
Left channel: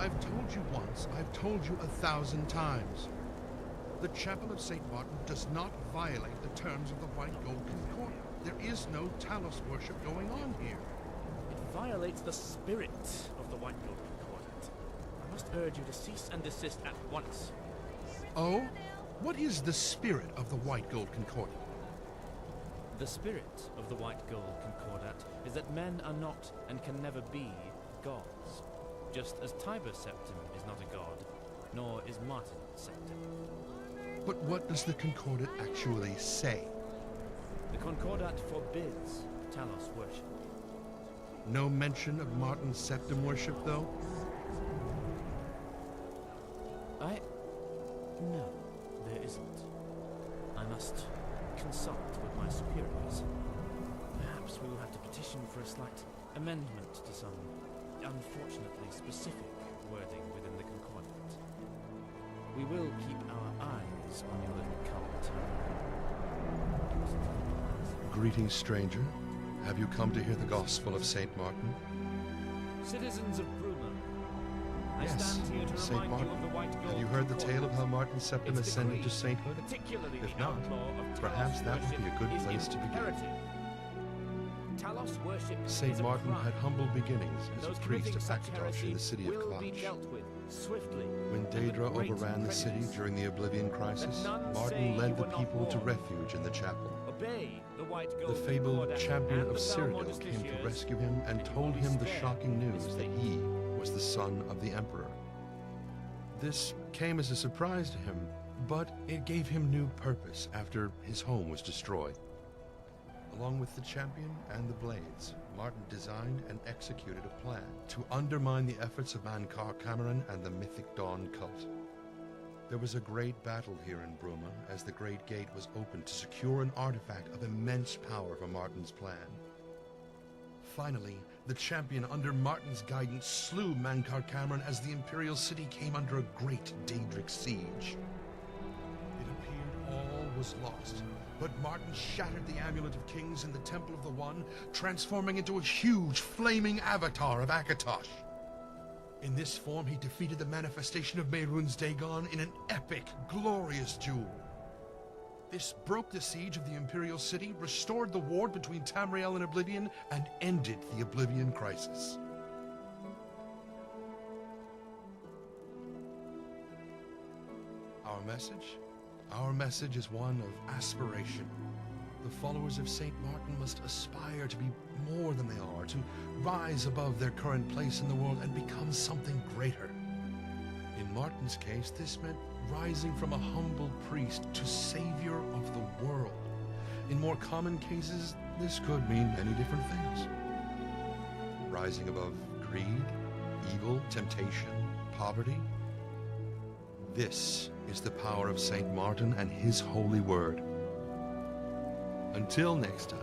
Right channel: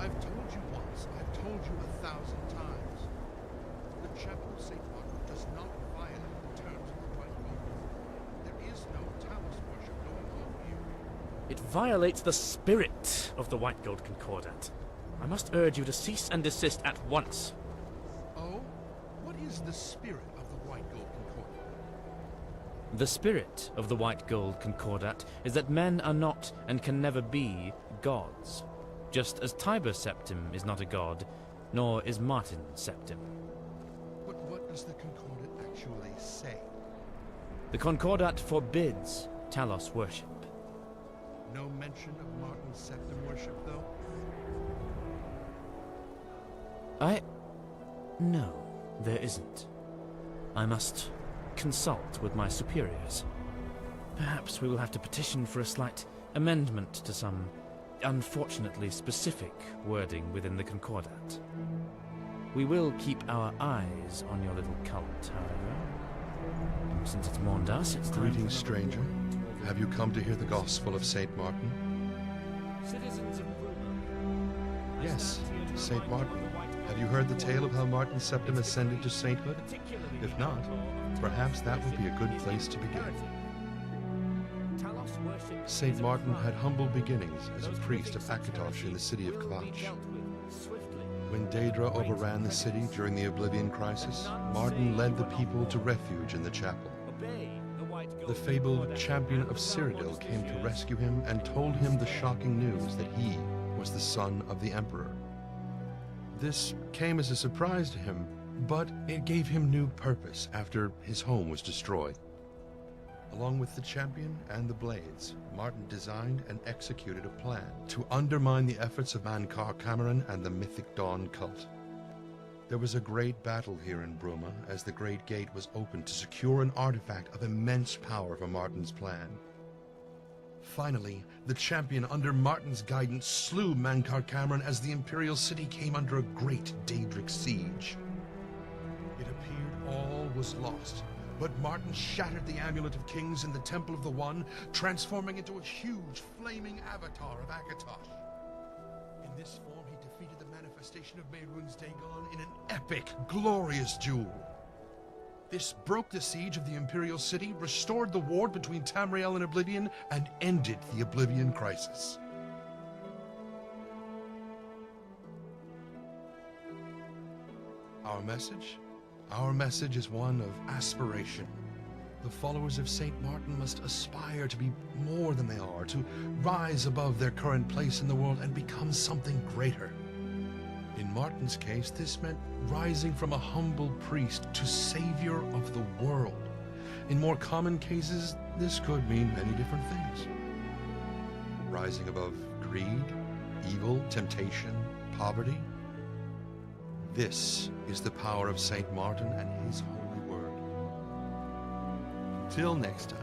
I've told you once, I've told you 1,000 times. The Chapel of St. Martin does not violate the terms of the White Gold Concordat. There is no Talos worship going on here. It violates the spirit of the White Gold Concordat. I must urge you to cease and desist at once. Oh? What is the spirit of the White Gold Concordat? The spirit of the White Gold Concordat is that men are not and can never be gods, just as Tiber Septim is not a god, nor is Martin Septim. But what does the Concordat actually say? The Concordat forbids Talos worship. No mention of Martin Septim worship, though? No, there isn't. I must consult with my superiors. Perhaps we will have to petition for a slight amendment to some unfortunately specific wording within the Concordat. We will keep our eyes on your little cult, however. Since it's mourned us, it's Greetings, stranger. Have you come to hear the Gospel of St. Martin? Citizens of Bruma, I Yes, stand here to St. remind you Martin. of the White Have you Gold heard the Concordat. tale of how Martin Septim It's ascended to decreed, sainthood? particularly If the not, outlaw of perhaps Talos that would be a good worship place is to begin. imperative. Talos worship St. is a Martin crime. had humble beginnings as a Those priest of committing such Akatosh in the city of will be Kvatch. dealt with swiftly. When Daedra Great overran the city prejudice. during the Oblivion Crisis, none Martin say led you the were not people to born. refuge in the chapel. Obey the White The Gold fabled Concordat champion and of the foul Cyrodiil came to Modesticians, rescue him and told him the shocking news that he was the son of the Emperor. This came as a surprise to him, but it gave him new purpose after his home was destroyed. Along with the champion and the blades, Martin designed and executed a plan to undermine the efforts of Mankar Cameron and the Mythic Dawn cult. There was a great battle here in Bruma as the Great Gate was opened to secure an artifact of immense power for Martin's plan. Finally, the champion under Martin's guidance slew Mankar Cameron as the Imperial City came under a great Daedric siege. It appeared all was lost, but Martin shattered the Amulet of Kings in the Temple of the One, transforming into a huge flaming avatar of Akatosh. In this form, he defeated the manifestation of Mehrunes Dagon in an epic, glorious duel. This broke the siege of the Imperial City, restored the ward between Tamriel and Oblivion, and ended the Oblivion Crisis. Our message? Our message is one of aspiration. The followers of St. Martin must aspire to be more than they are, to rise above their current place in the world and become something greater. In Martin's case, this meant rising from a humble priest to savior of the world. In more common cases, this could mean many different things. Rising above greed, evil, temptation, poverty. This is the power of St. Martin and his holy word. Until next time.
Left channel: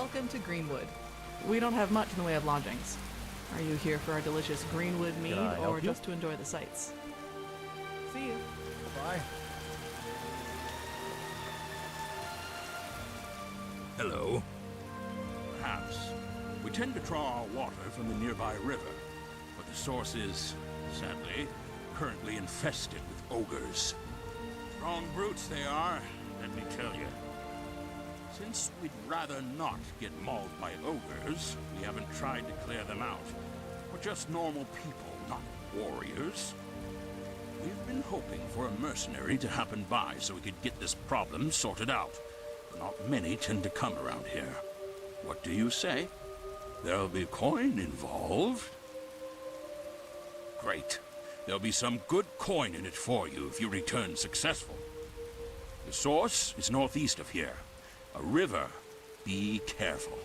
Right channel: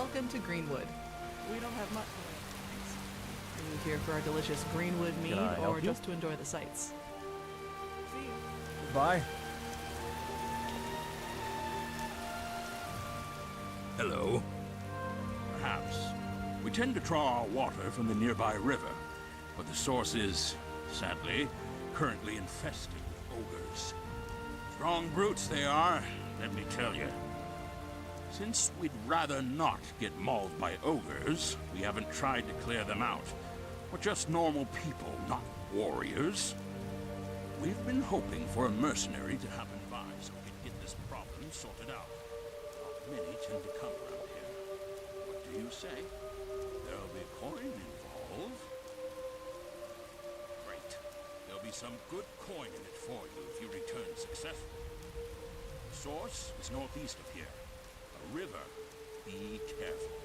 Welcome to Greenwood. We don't have much in the way of lodgings. Are you here for our delicious Greenwood mead, I help or you? just to enjoy the sights? See you. Bye. Hello. Perhaps. We tend to draw our water from the nearby river, but the source is, sadly, currently infested with ogres. Strong brutes they are, let me tell you. Since we'd rather not get mauled by ogres, we haven't tried to clear them out. We're just normal people, not warriors. We've been hoping for a mercenary to happen by so we could get this problem sorted out. Not many tend to come around here. What do you say? There'll be coin involved? Great. There'll be some good coin in it for you if you return successful. The source is northeast of here. A river. Be careful.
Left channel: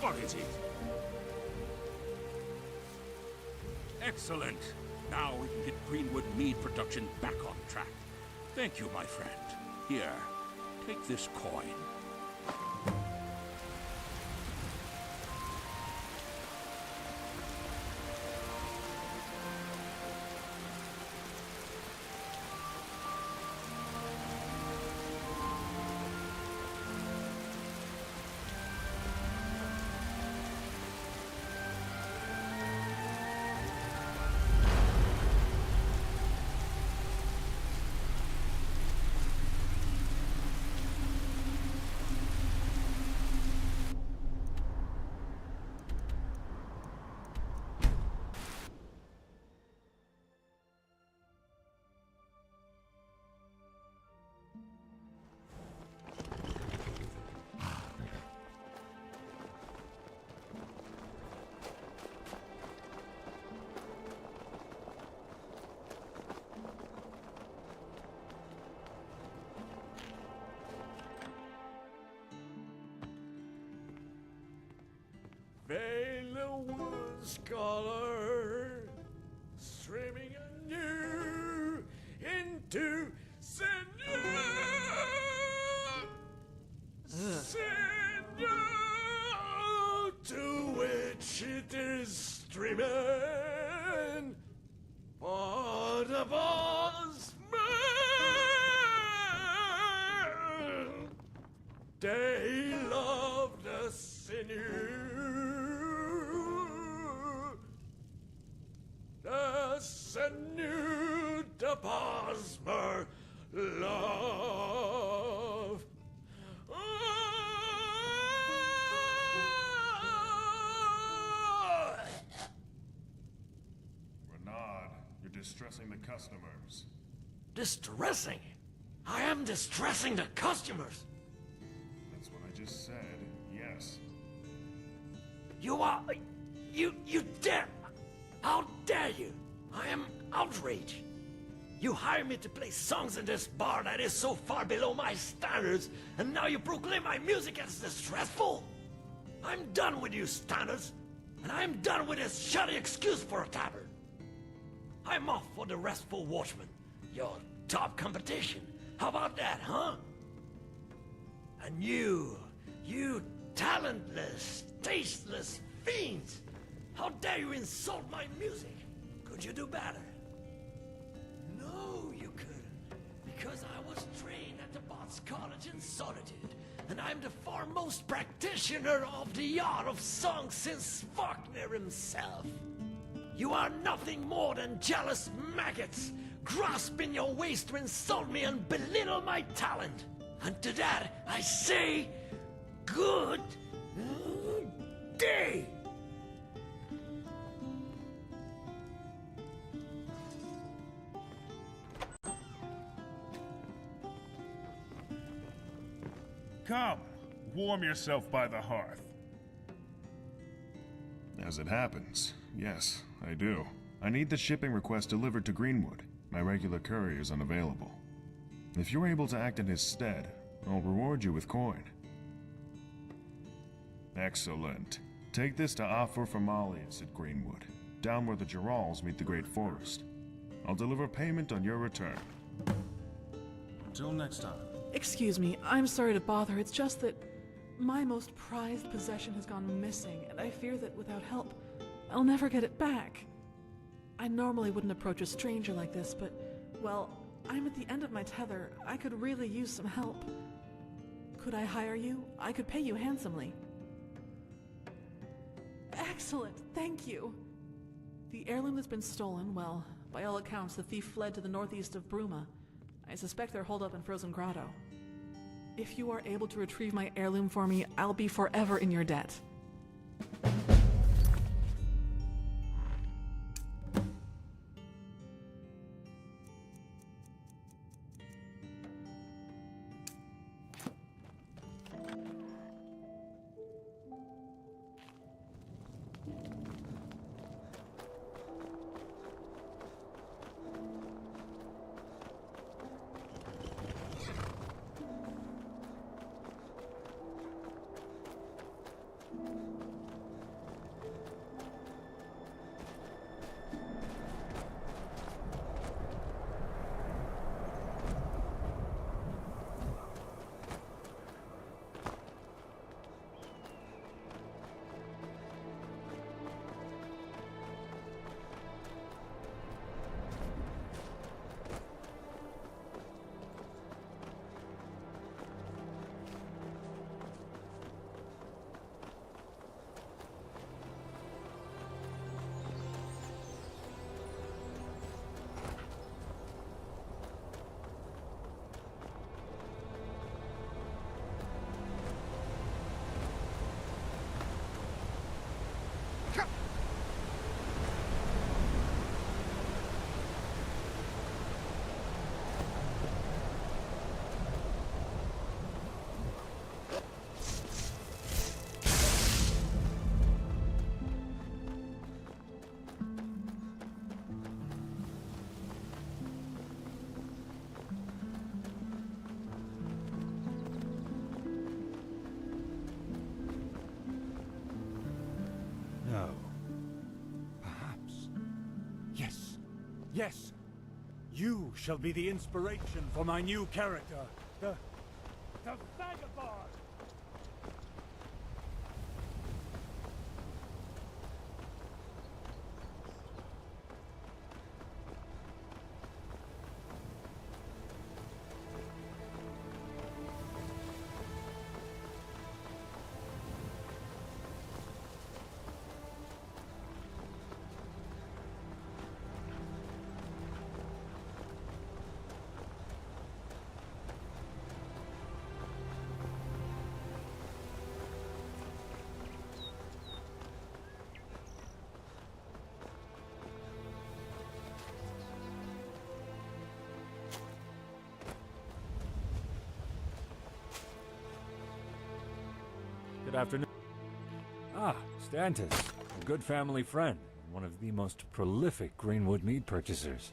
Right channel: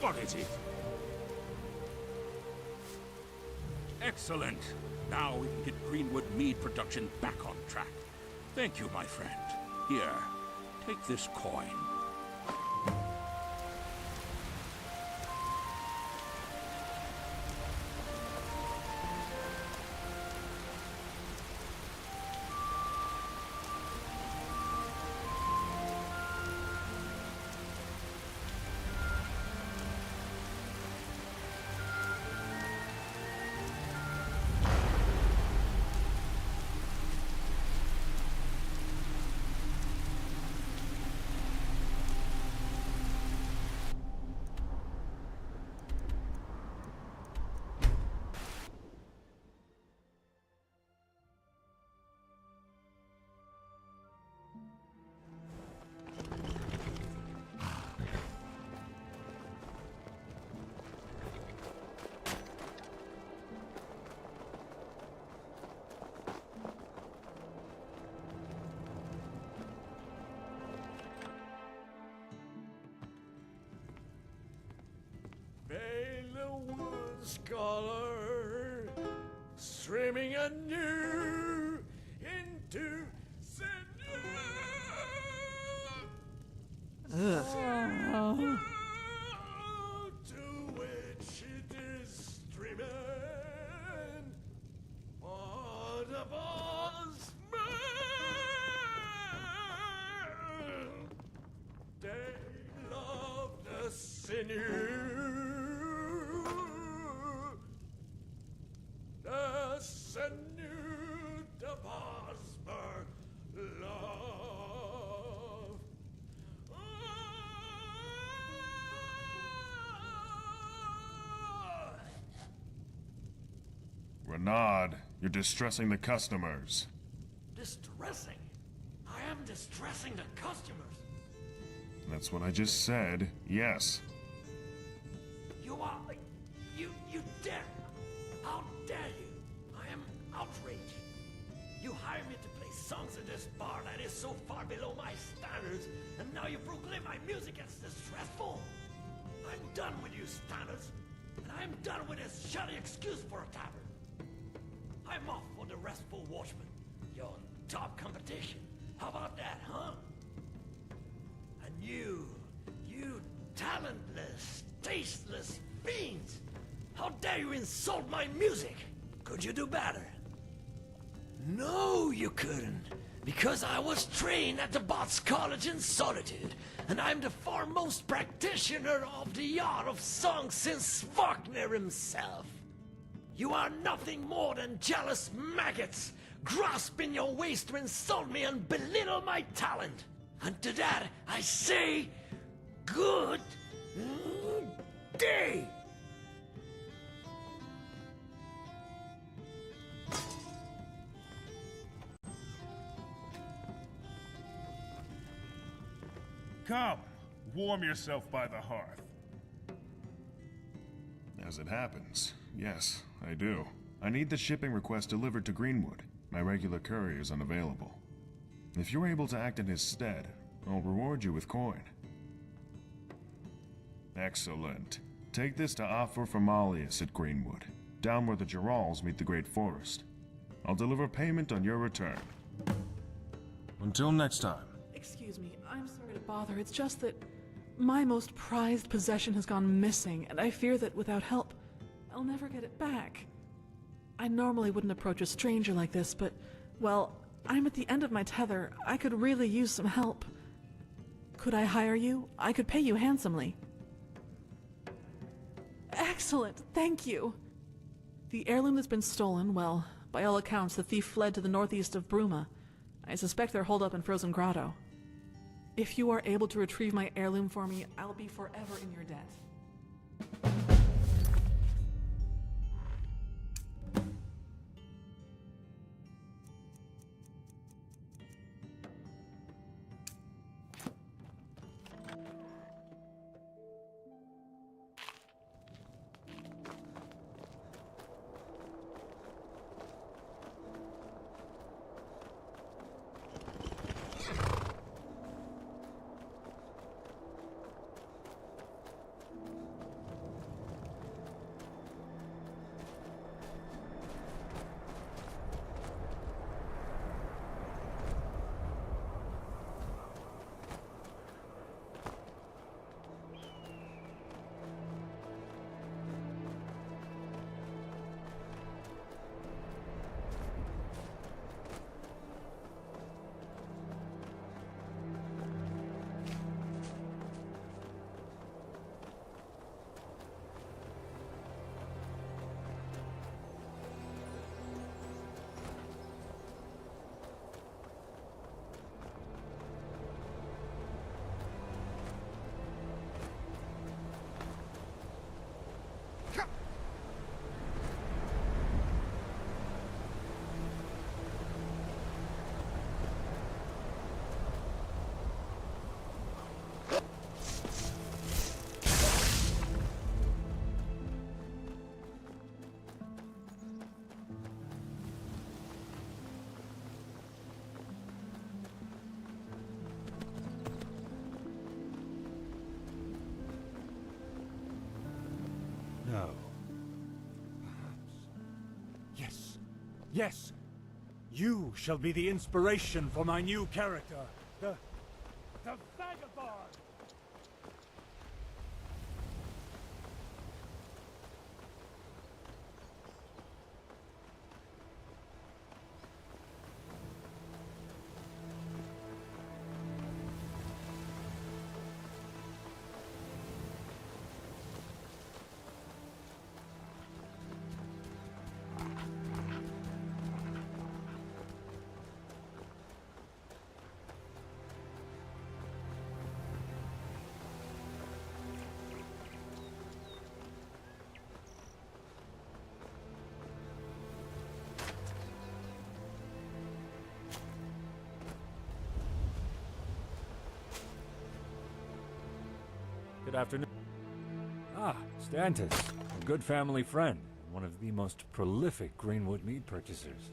What is it? Excellent. Now we can get Greenwood mead production back on track. Thank you, my friend. Here, take this coin. Beyond Scholar, streaming anew into Seigneur, to which it is streaming. For the boss man, they love the sinew. The sinew, the Bosmer love. Renaud, you're distressing the customers. Distressing? I am distressing the customers. That's what I just said, yes. You are... You dare... How dare you? I am outraged. You hired me to play songs in this bar that is so far below my standards, and now you proclaim my music as distressful? I'm done with you standards, and I'm done with this shoddy excuse for a tavern. I'm off for the Restful Watchman, your top competition. How about that, huh? And you talentless, tasteless fiends! How dare you insult my music? Could you do better? No, you couldn't. Because I was trained at the Bots College in Solitude, and I'm the foremost practitioner of the art of song since Wagner himself. You are nothing more than jealous maggots, grasping your waist to insult me and belittle my talent. And to that, I say, good day! Come, warm yourself by the hearth. As it happens, yes, I do. I need the shipping request delivered to Greenwood. My regular courier is unavailable. If you're able to act in his stead, I'll reward you with coin. Excellent. Take this to Afer Formalius at Greenwood, down where the Gerals meet the Great Forest. I'll deliver payment on your return. Until next time. Excuse me, I'm sorry to bother. It's just that my most prized possession has gone missing, and I fear that without help, I'll never get it back. I normally wouldn't approach a stranger like this, but, well, I'm at the end of my tether. I could really use some help. Could I hire you? I could pay you handsomely. Excellent, thank you. The heirloom that's been stolen, well, by all accounts, the thief fled to the northeast of Bruma. I suspect they're holed up in Frozen Grotto. If you are able to retrieve my heirloom for me, I'll be forever in your debt. No. Perhaps. Yes. Yes! You shall be the inspiration for my new character. The Vagabond! Good afternoon. Ah, Stantis, a good family friend, and one of the most prolific Greenwood mead purchasers.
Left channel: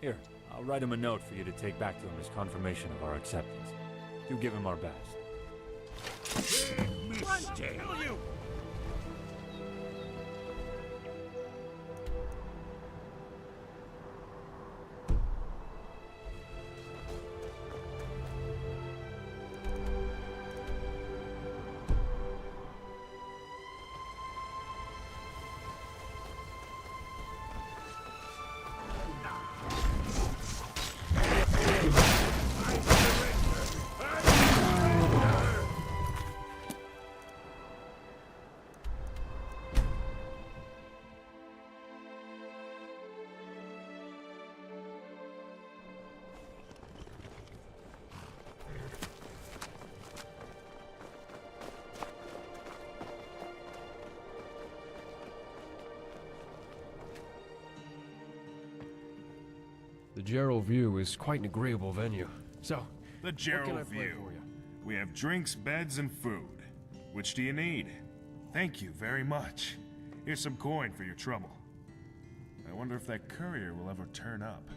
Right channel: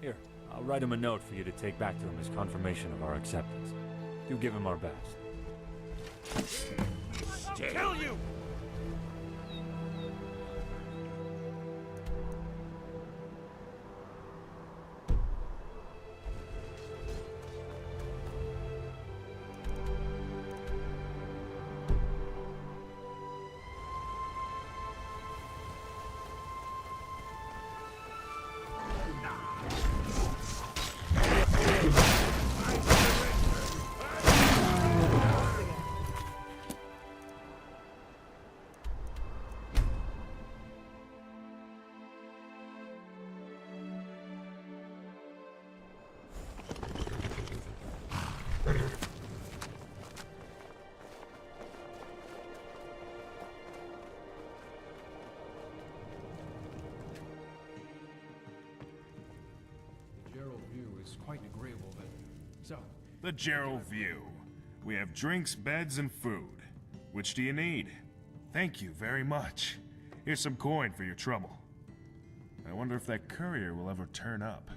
Here, I'll write him a note for you to take back to him as confirmation of our acceptance. Do give him our best. I'll kill you! Gerald View is quite an agreeable venue. So, The Gerald View. We have drinks, beds, and food. Which do you need? Thank you very much. Here's some coin for your trouble. I wonder if that courier will ever turn up.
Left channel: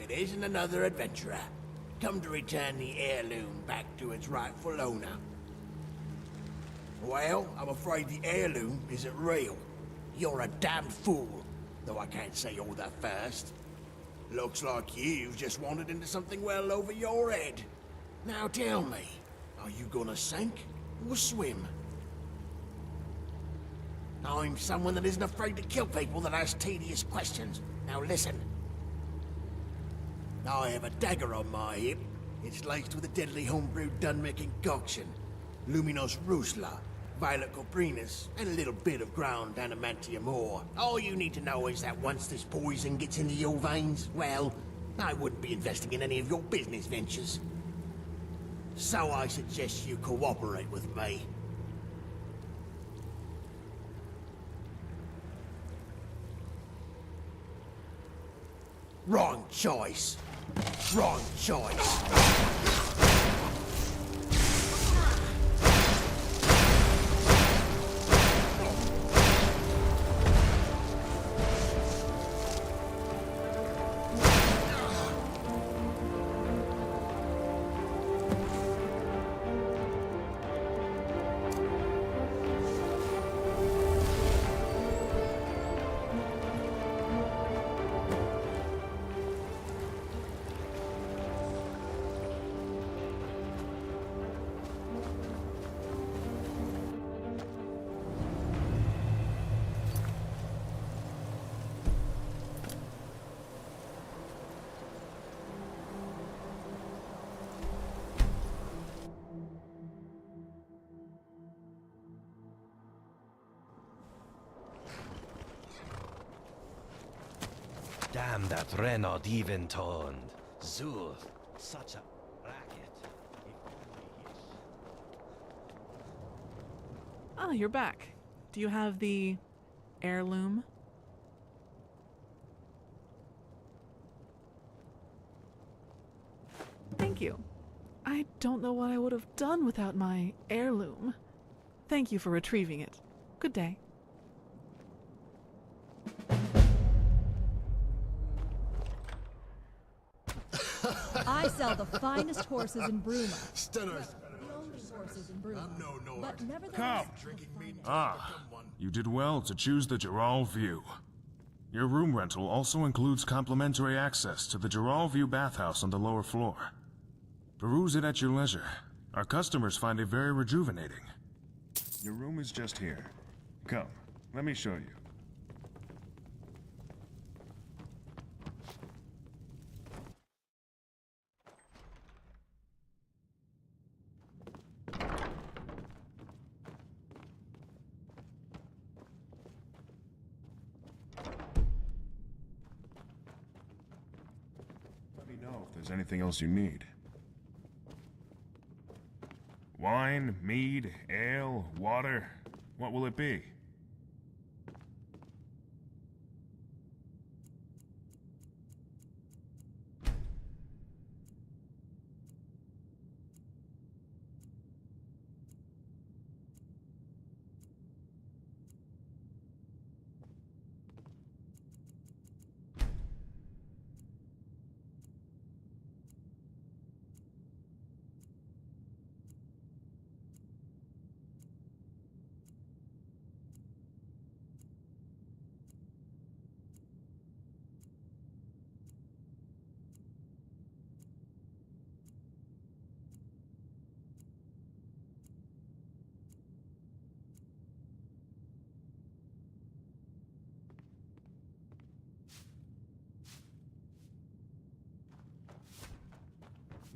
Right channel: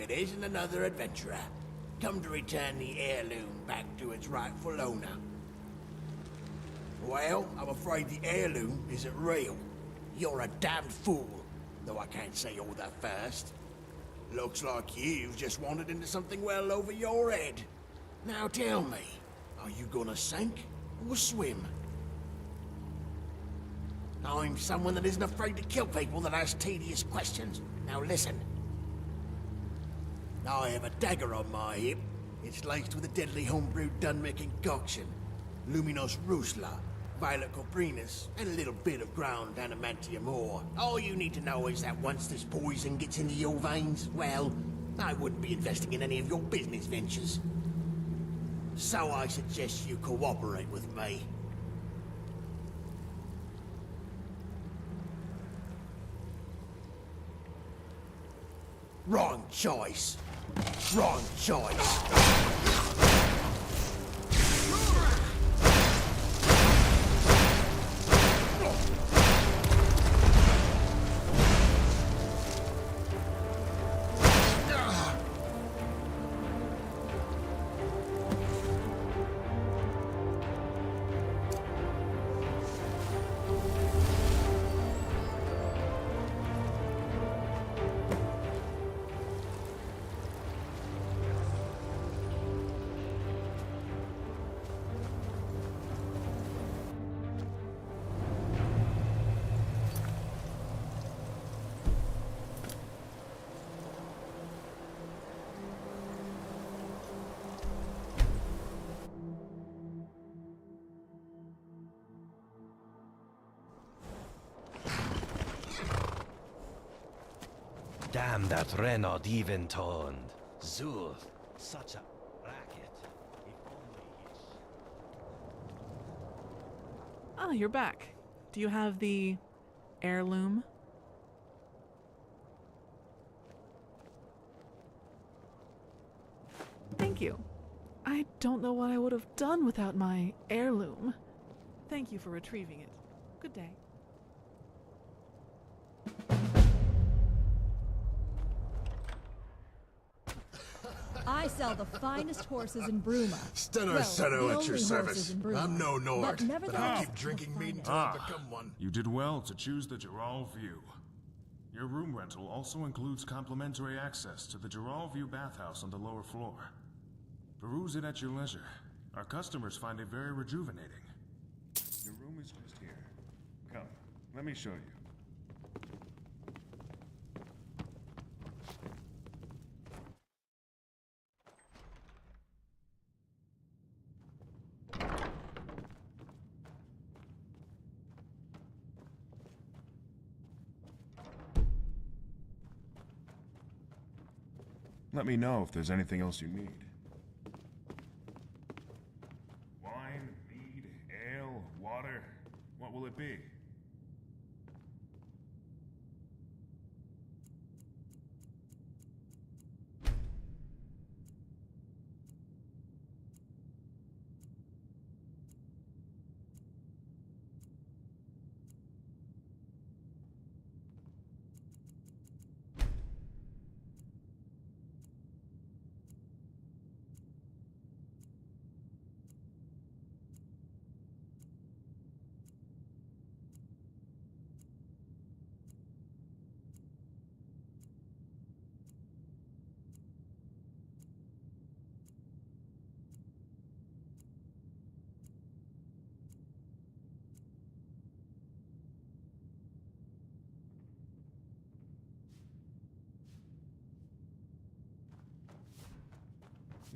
it isn't another adventurer, come to return the heirloom back to its rightful owner. Well, I'm afraid the heirloom isn't real. You're a damned fool, though I can't say all that first. Looks like you've just wandered into something well over your head. Now tell me, are you gonna sink or swim? I'm someone that isn't afraid to kill people that ask tedious questions. Now listen. I have a dagger on my hip. It's laced with a deadly homebrewed Dunmick concoction. Luminos Rusla, Violet Coprinus, and a little bit of ground adamantium ore. All you need to know is that once this poison gets into your veins, well, I wouldn't be investing in any of your business ventures. So I suggest you cooperate with me. Wrong choice. Wrong choice. Damn that Renaud even toned. Zul, such a racket. If only Ah, you're back. Do you have the heirloom? Thank you. I don't know what I would have done without my heirloom. Thank you for retrieving it. Good day. I sell the finest horses in Bruma. Stenner Well, Seto the at your only service. horses in Bruma. I'm no Nord, But but I'll nevertheless, keep drinking mead until I Ah, become one. you did well to choose the Geralt View. Your room rental also includes complimentary access to the Geralt View bathhouse on the lower floor. Peruse it at your leisure. Our customers find it very rejuvenating. Your room is just here. Come, let me show you. Let me know if there's anything else you need. Wine, mead, ale, water. What will it be?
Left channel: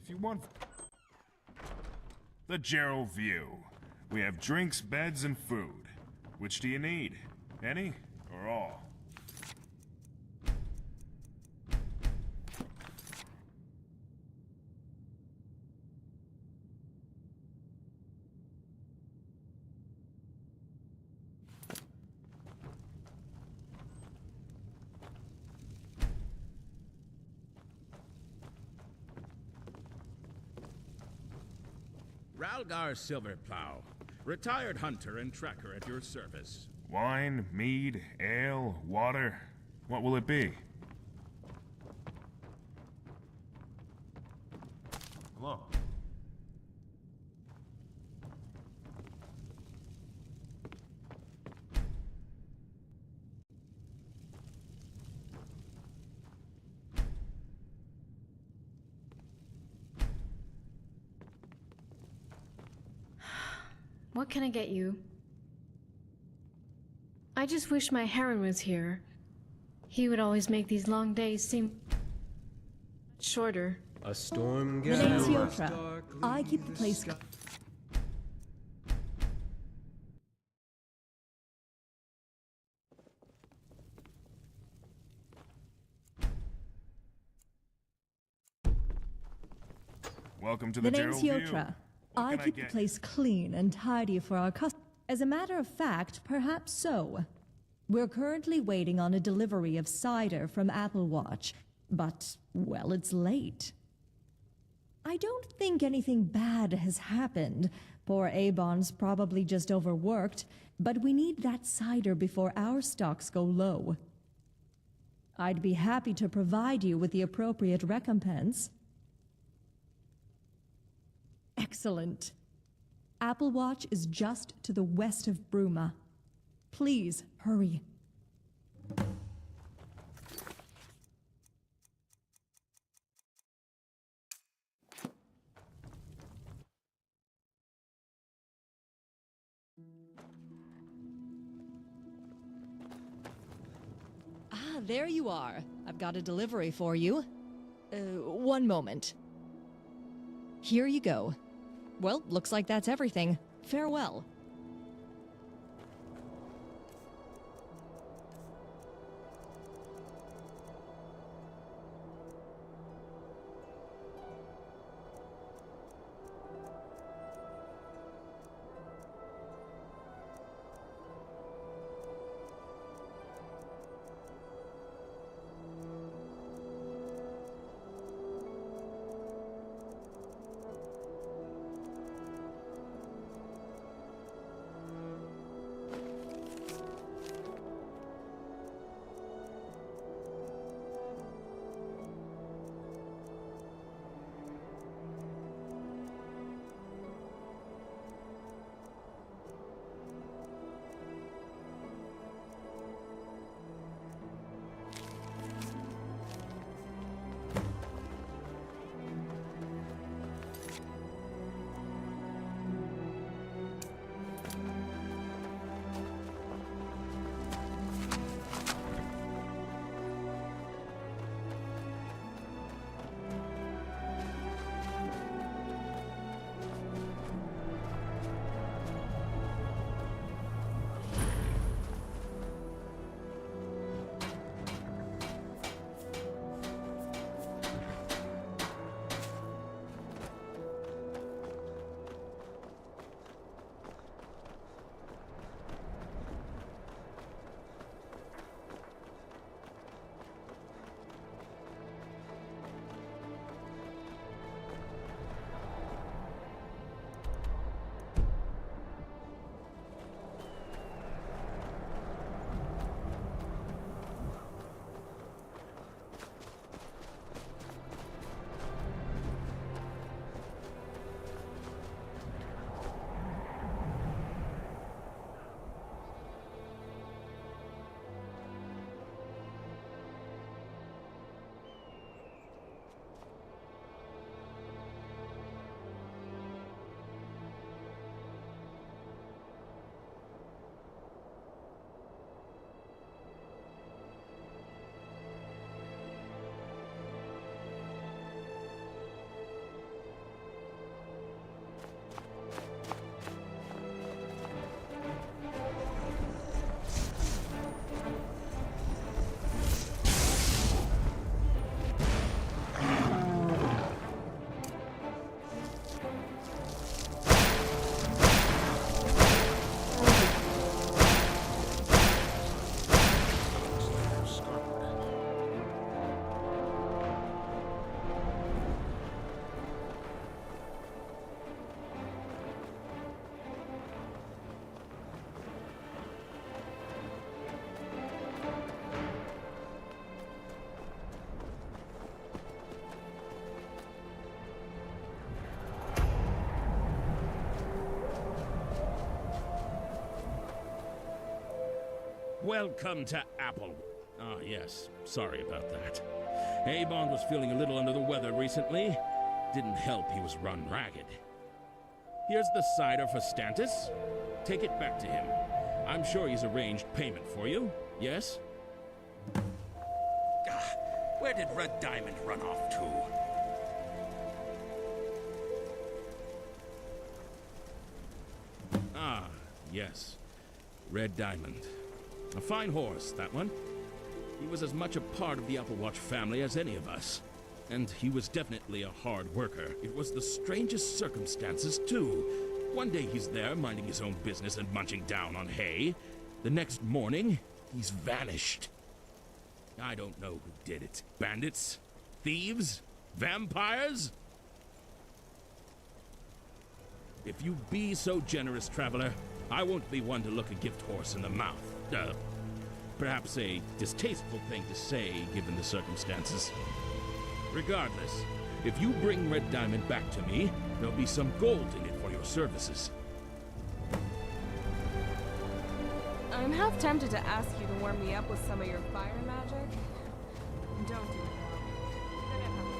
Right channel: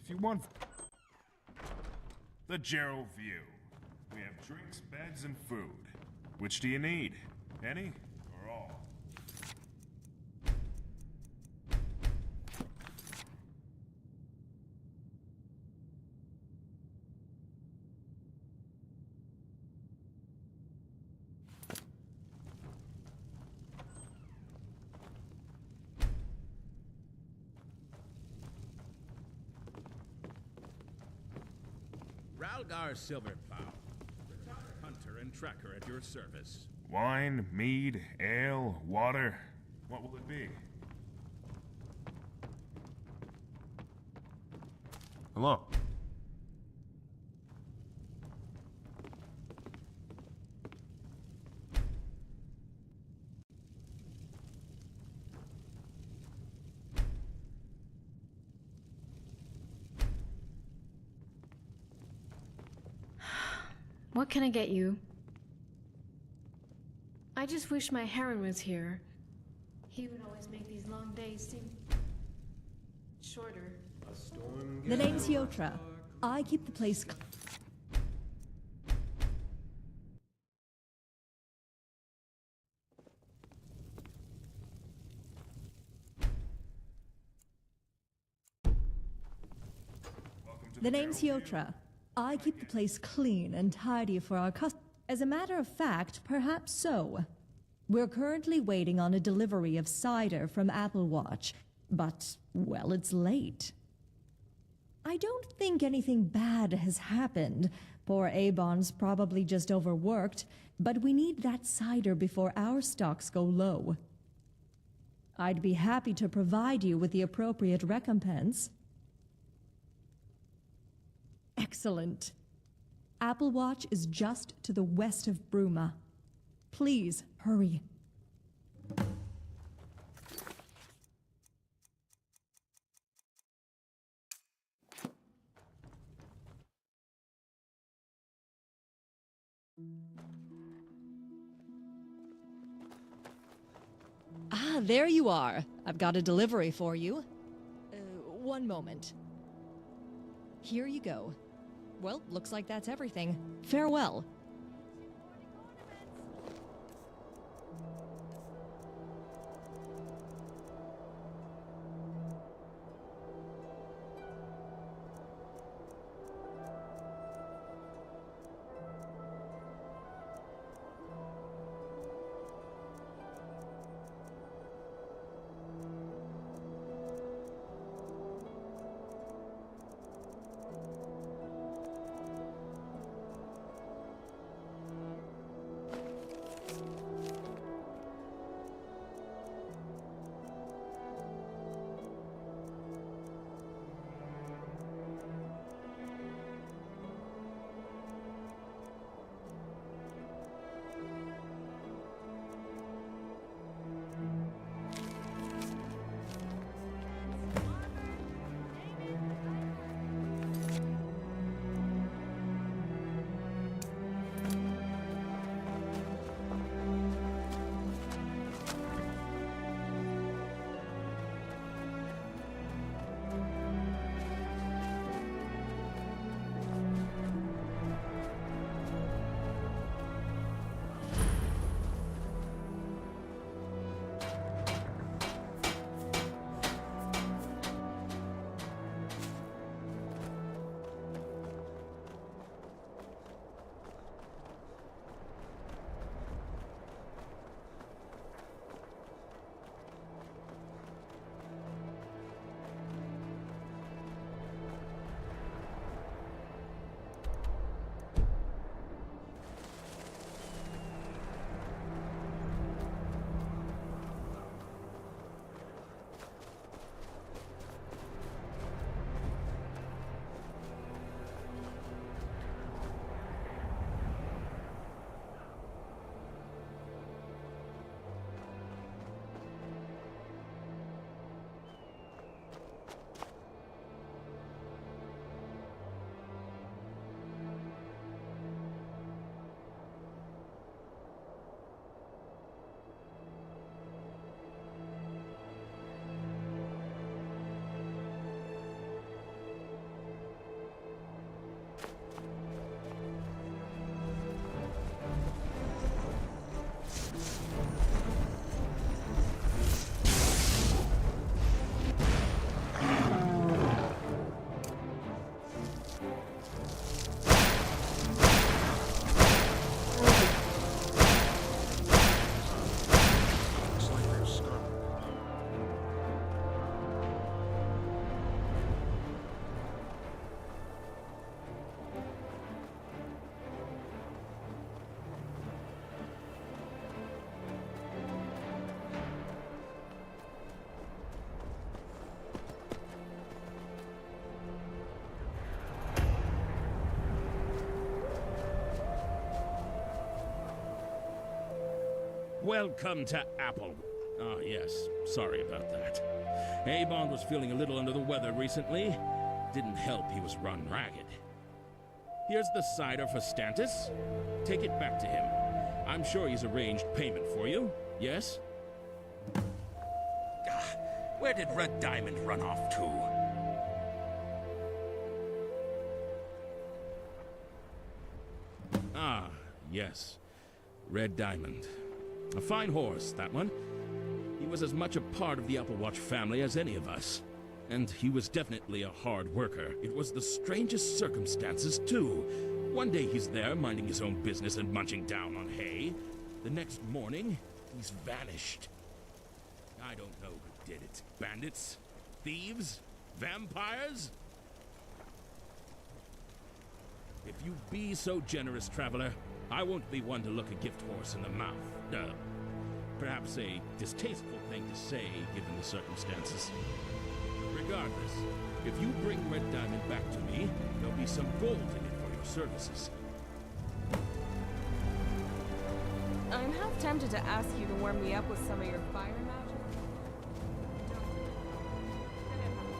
If you want the Geralt View, we have drinks, beds, and food. Which do you need? Any or all? Ralgar Silverplow, retired hunter and trekker at your service. Wine, mead, ale, water. What will it be? Hello. What can I get you? I just wish my Heron was here. He would always make these long days seem shorter. A storm The name's Yotra. I keep the place. Welcome to The the name's Cyrodiil. Yotra. I keep the place clean and tidy for our customers. As a matter of fact, perhaps so. We're currently waiting on a delivery of cider from Apple Watch, but, well, it's late. I don't think anything bad has happened. Poor Avon's probably just overworked, but we need that cider before our stocks go low. I'd be happy to provide you with the appropriate recompense. Excellent. Apple Watch is just to the west of Bruma. Please, hurry. Ah, there you are. I've got a delivery for you. One moment. Here you go. Well, looks like that's everything. Farewell. Welcome to Apple. Ah, yes. Sorry about that. Avon was feeling a little under the weather recently. Didn't help he was run ragged. Here's the cider for Stantis. Take it back to him. I'm sure he's arranged payment for you, yes? Where did Red Diamond run off to? Ah, yes. Red Diamond. A fine horse, that one. He was as much a part of the Applewatch family as any of us. And he was definitely a hard worker. It was the strangest circumstances, too. One day he's there, minding his own business and munching down on hay. The next morning, he's vanished. I don't know who did it. Bandits? Thieves? Vampires? If you be so generous, traveler, I won't be one to look a gift horse in the mouth. Perhaps a distasteful thing to say, given the circumstances. Regardless, if you bring Red Diamond back to me, there'll be some gold in it for your services. I'm half tempted to ask you to warm me up with some of your fire magic. Don't do it, Mom. Then I'd have to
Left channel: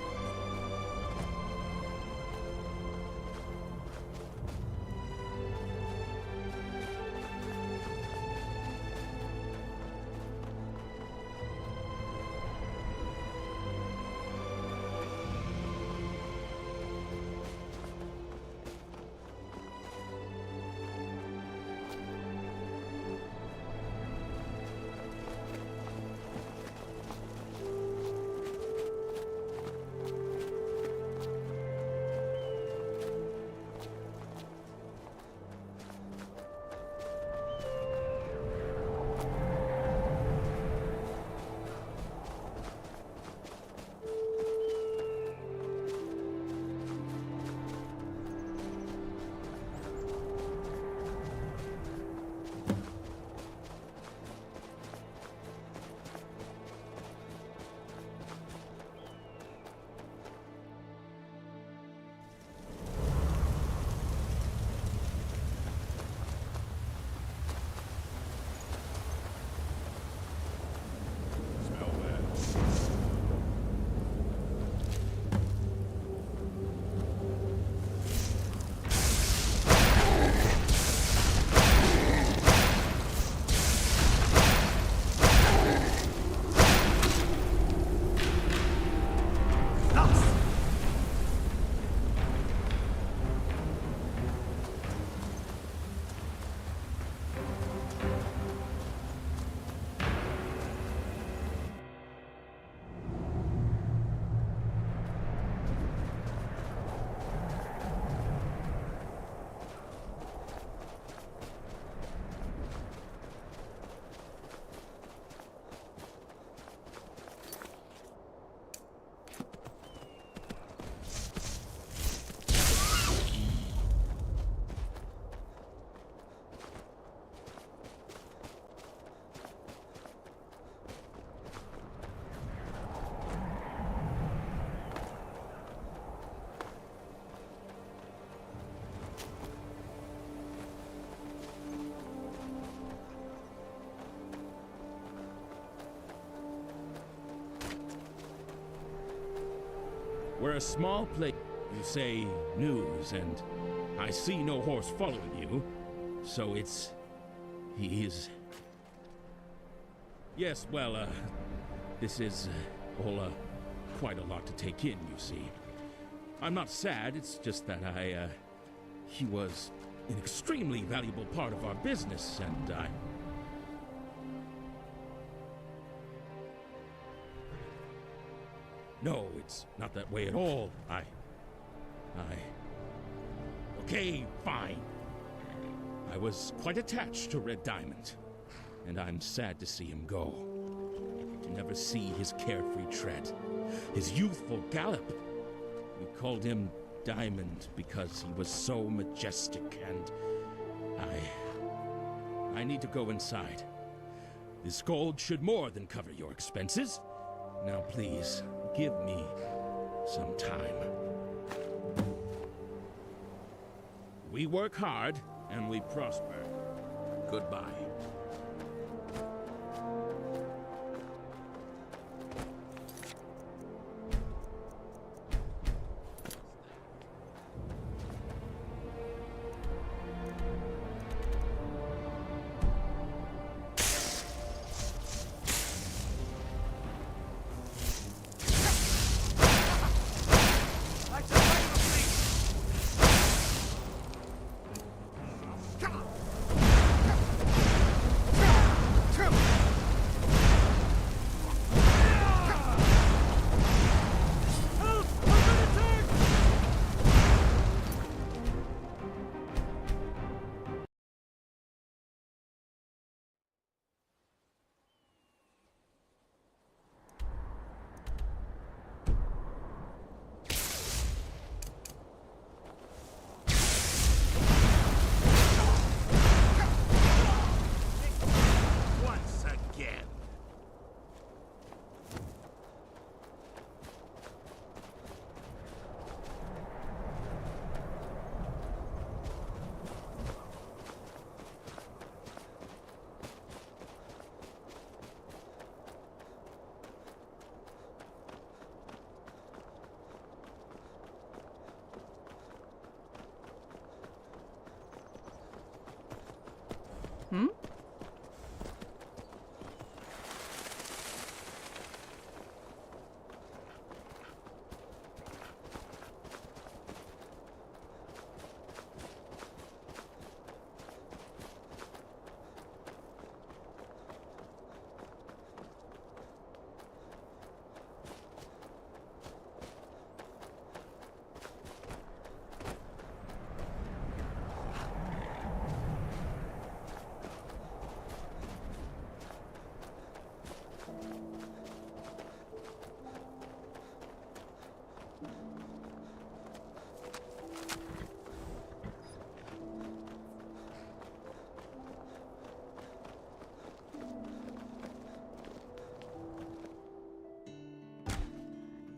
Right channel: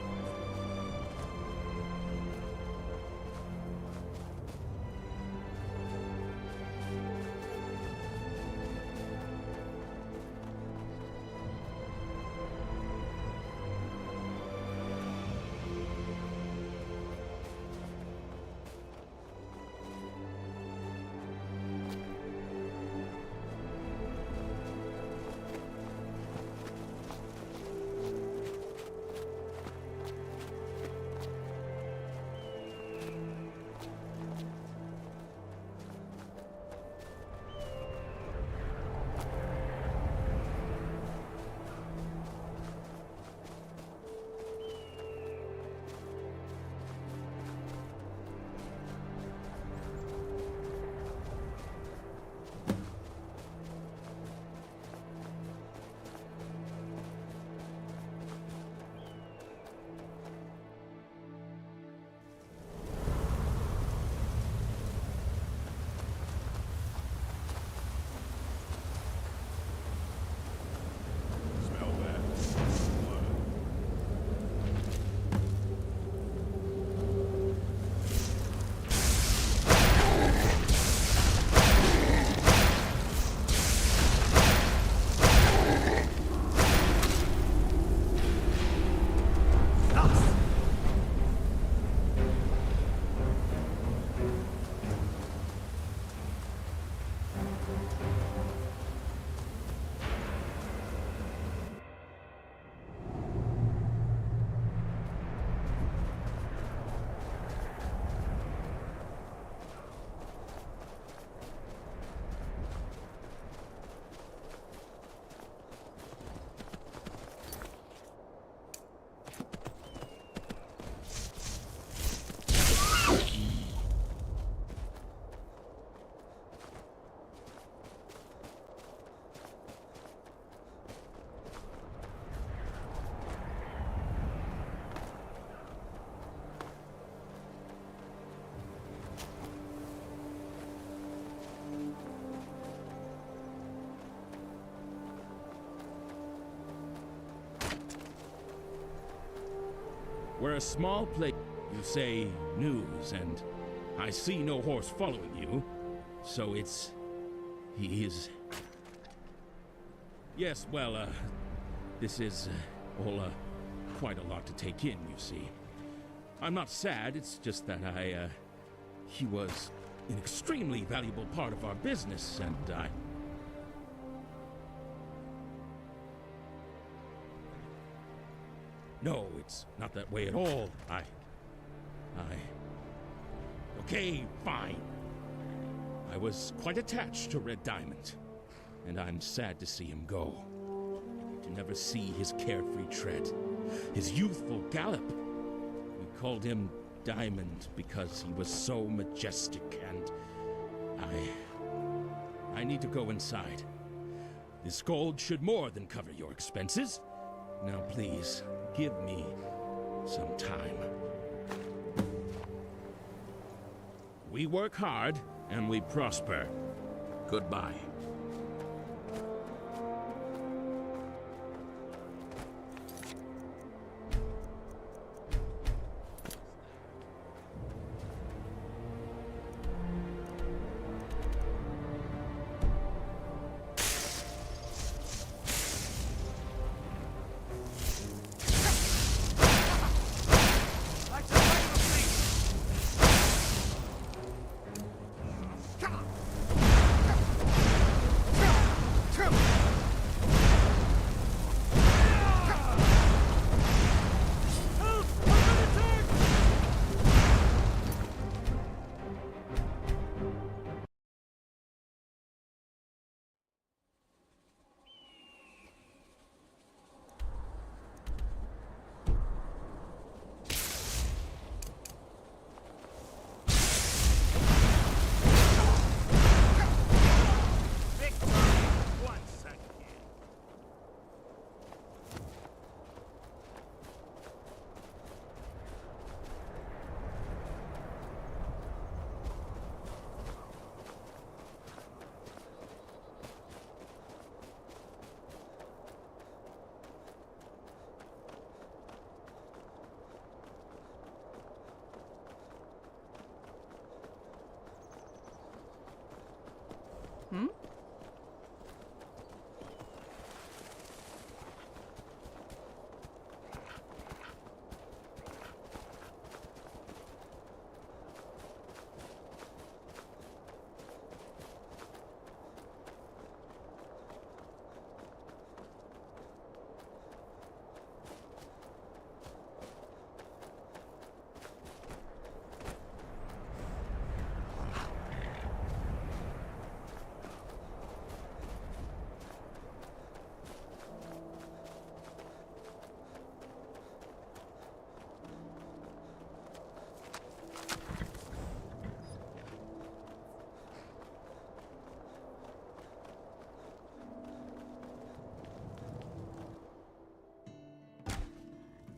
We're a small place. You say news, and I see no horse following you. So he is... Yes, well, this is all quite a lot to take in, you see. I'm not sad, it's just that he was an extremely valuable part of our business, and No, it's not that way at all. Okay, fine. I was quite attached to Red Diamond, and I'm sad to see him go. To never see his carefree tread, his youthful gallop. We called him Diamond because he was so majestic, and I need to go inside. This gold should more than cover your expenses. Now please, give me some time. We work hard, and we prosper. Goodbye.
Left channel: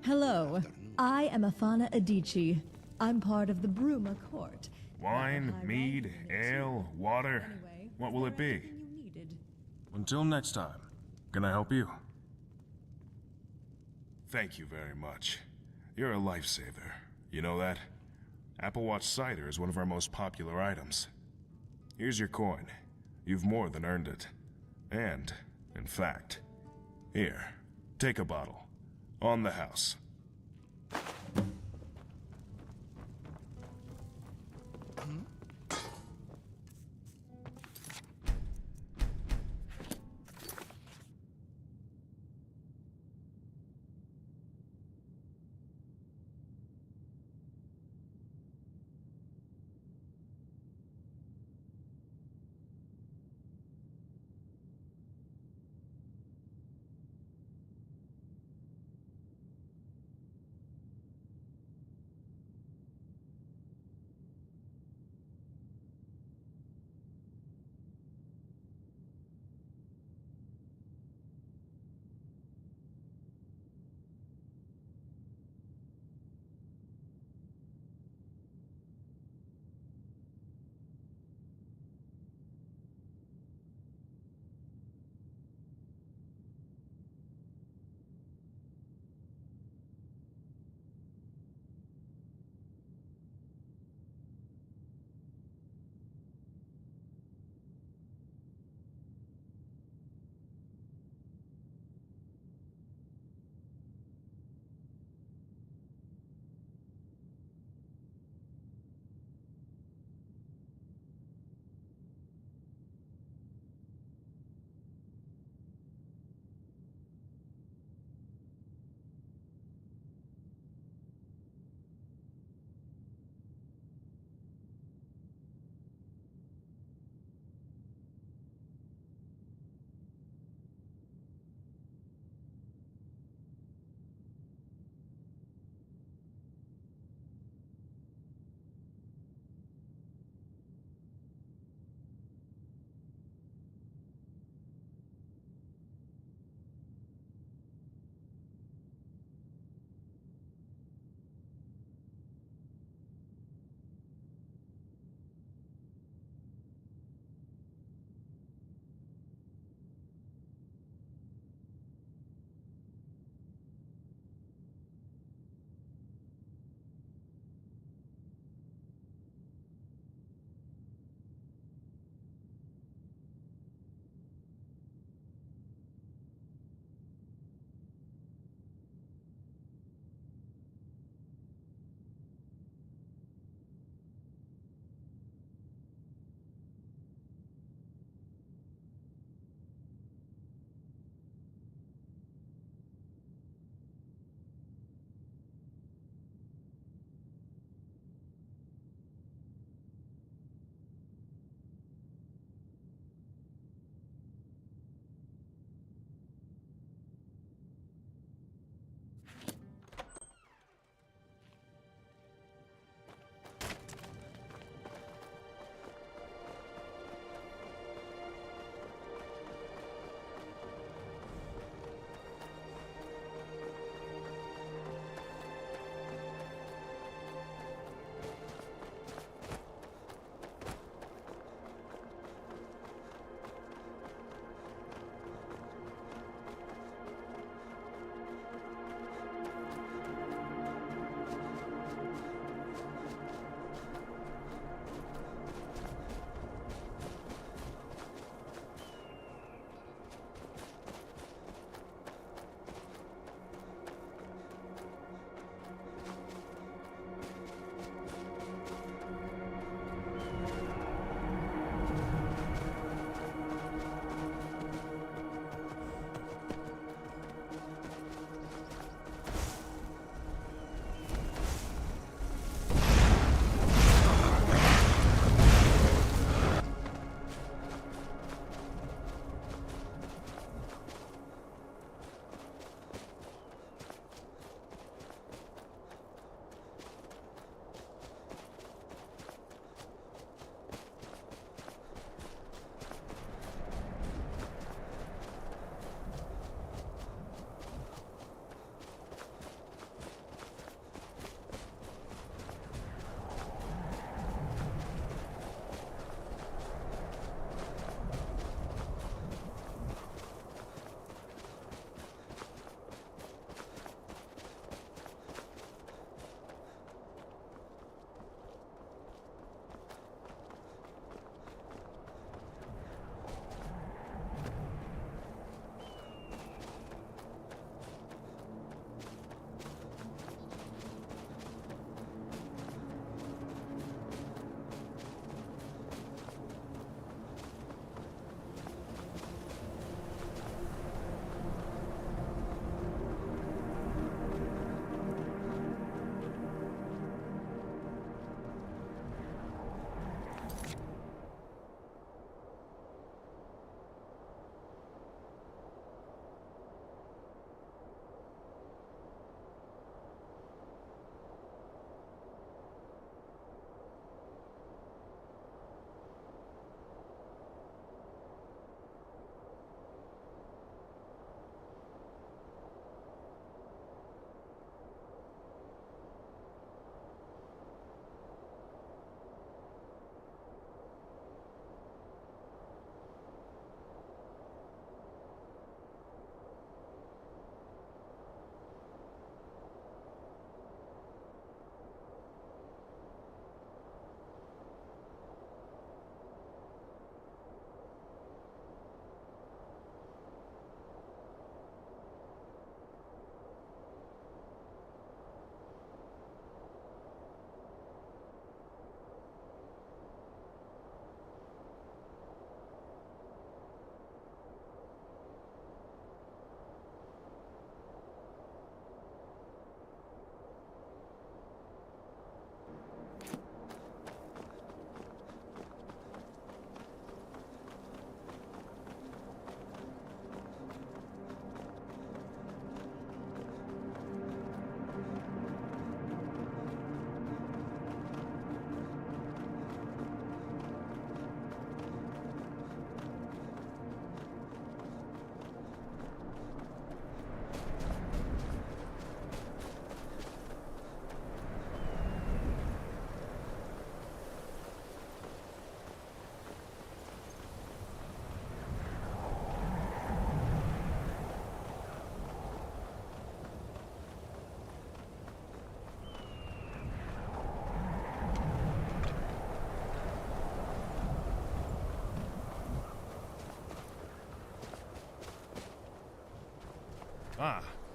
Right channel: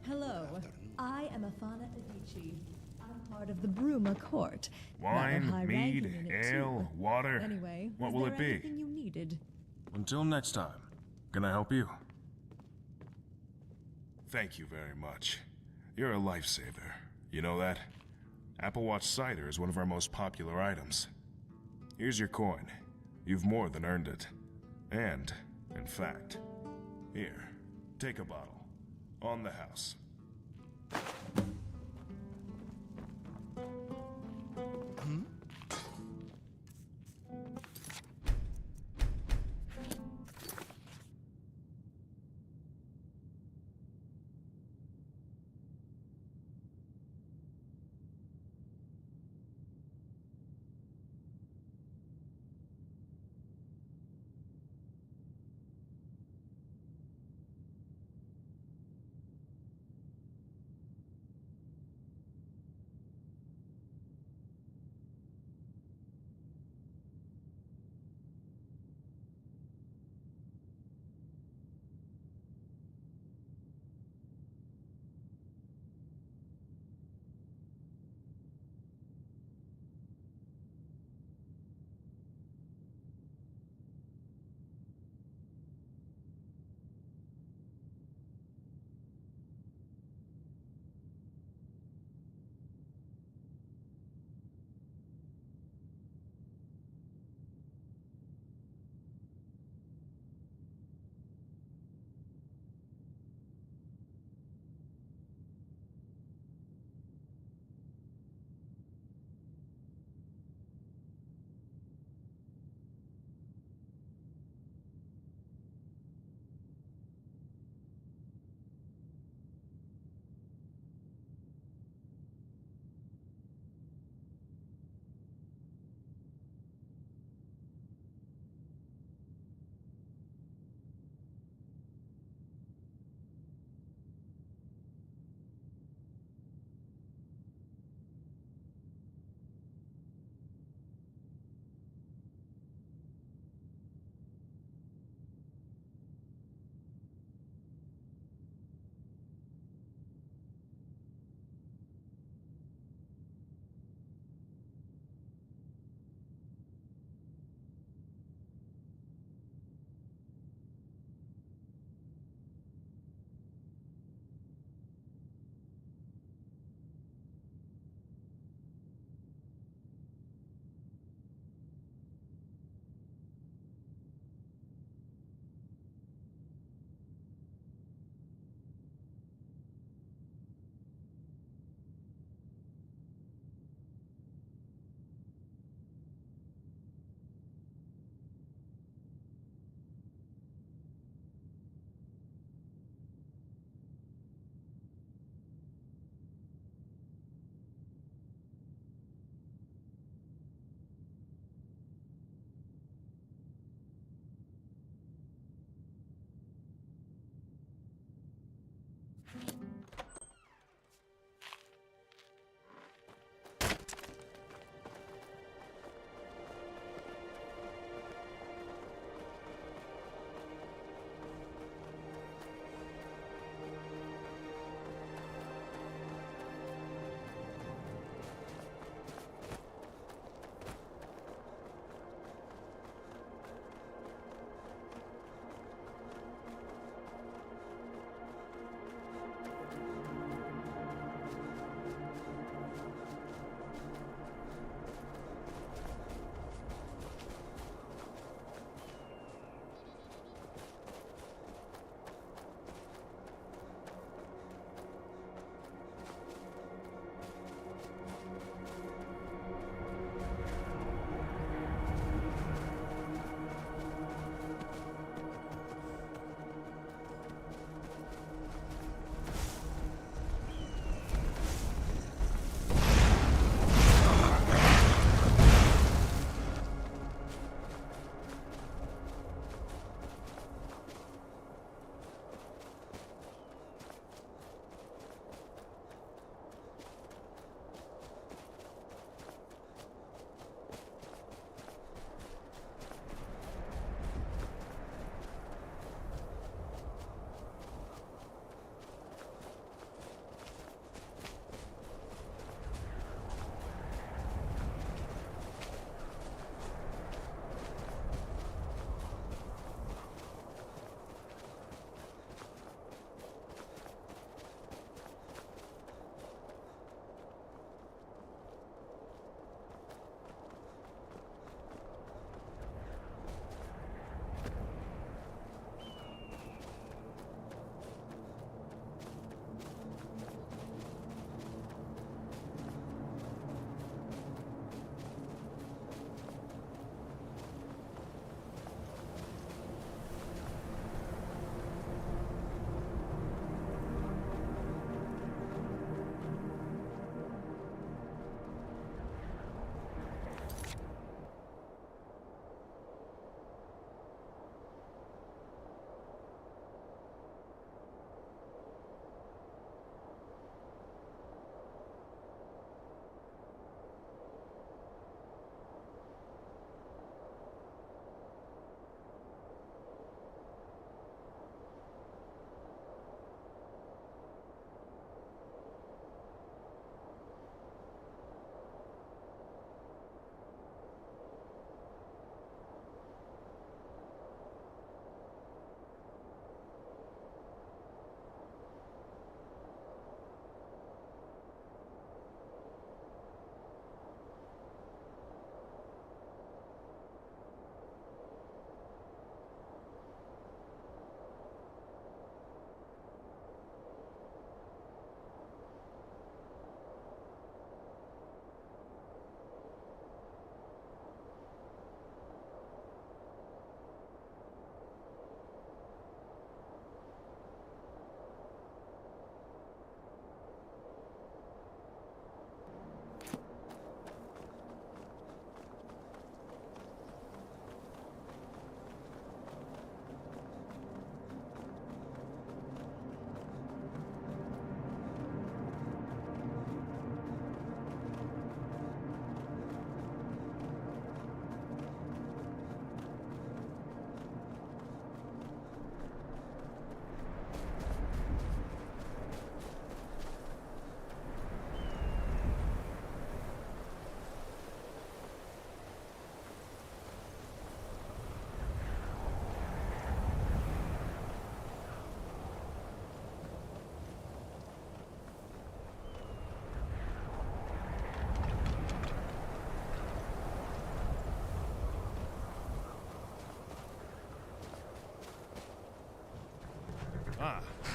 Hello, I am Afana Adichie. I'm part of the Bruma court. Wine, Rather mead, high-ranking in it, ale, too. water. Anyway, What is will there it be? anything you needed? Until next time, can I help you? Thank you very much. You're a lifesaver. You know that? Applewatch cider is one of our most popular items. Here's your coin. You've more than earned it. And, in fact, here, take a bottle. On the house.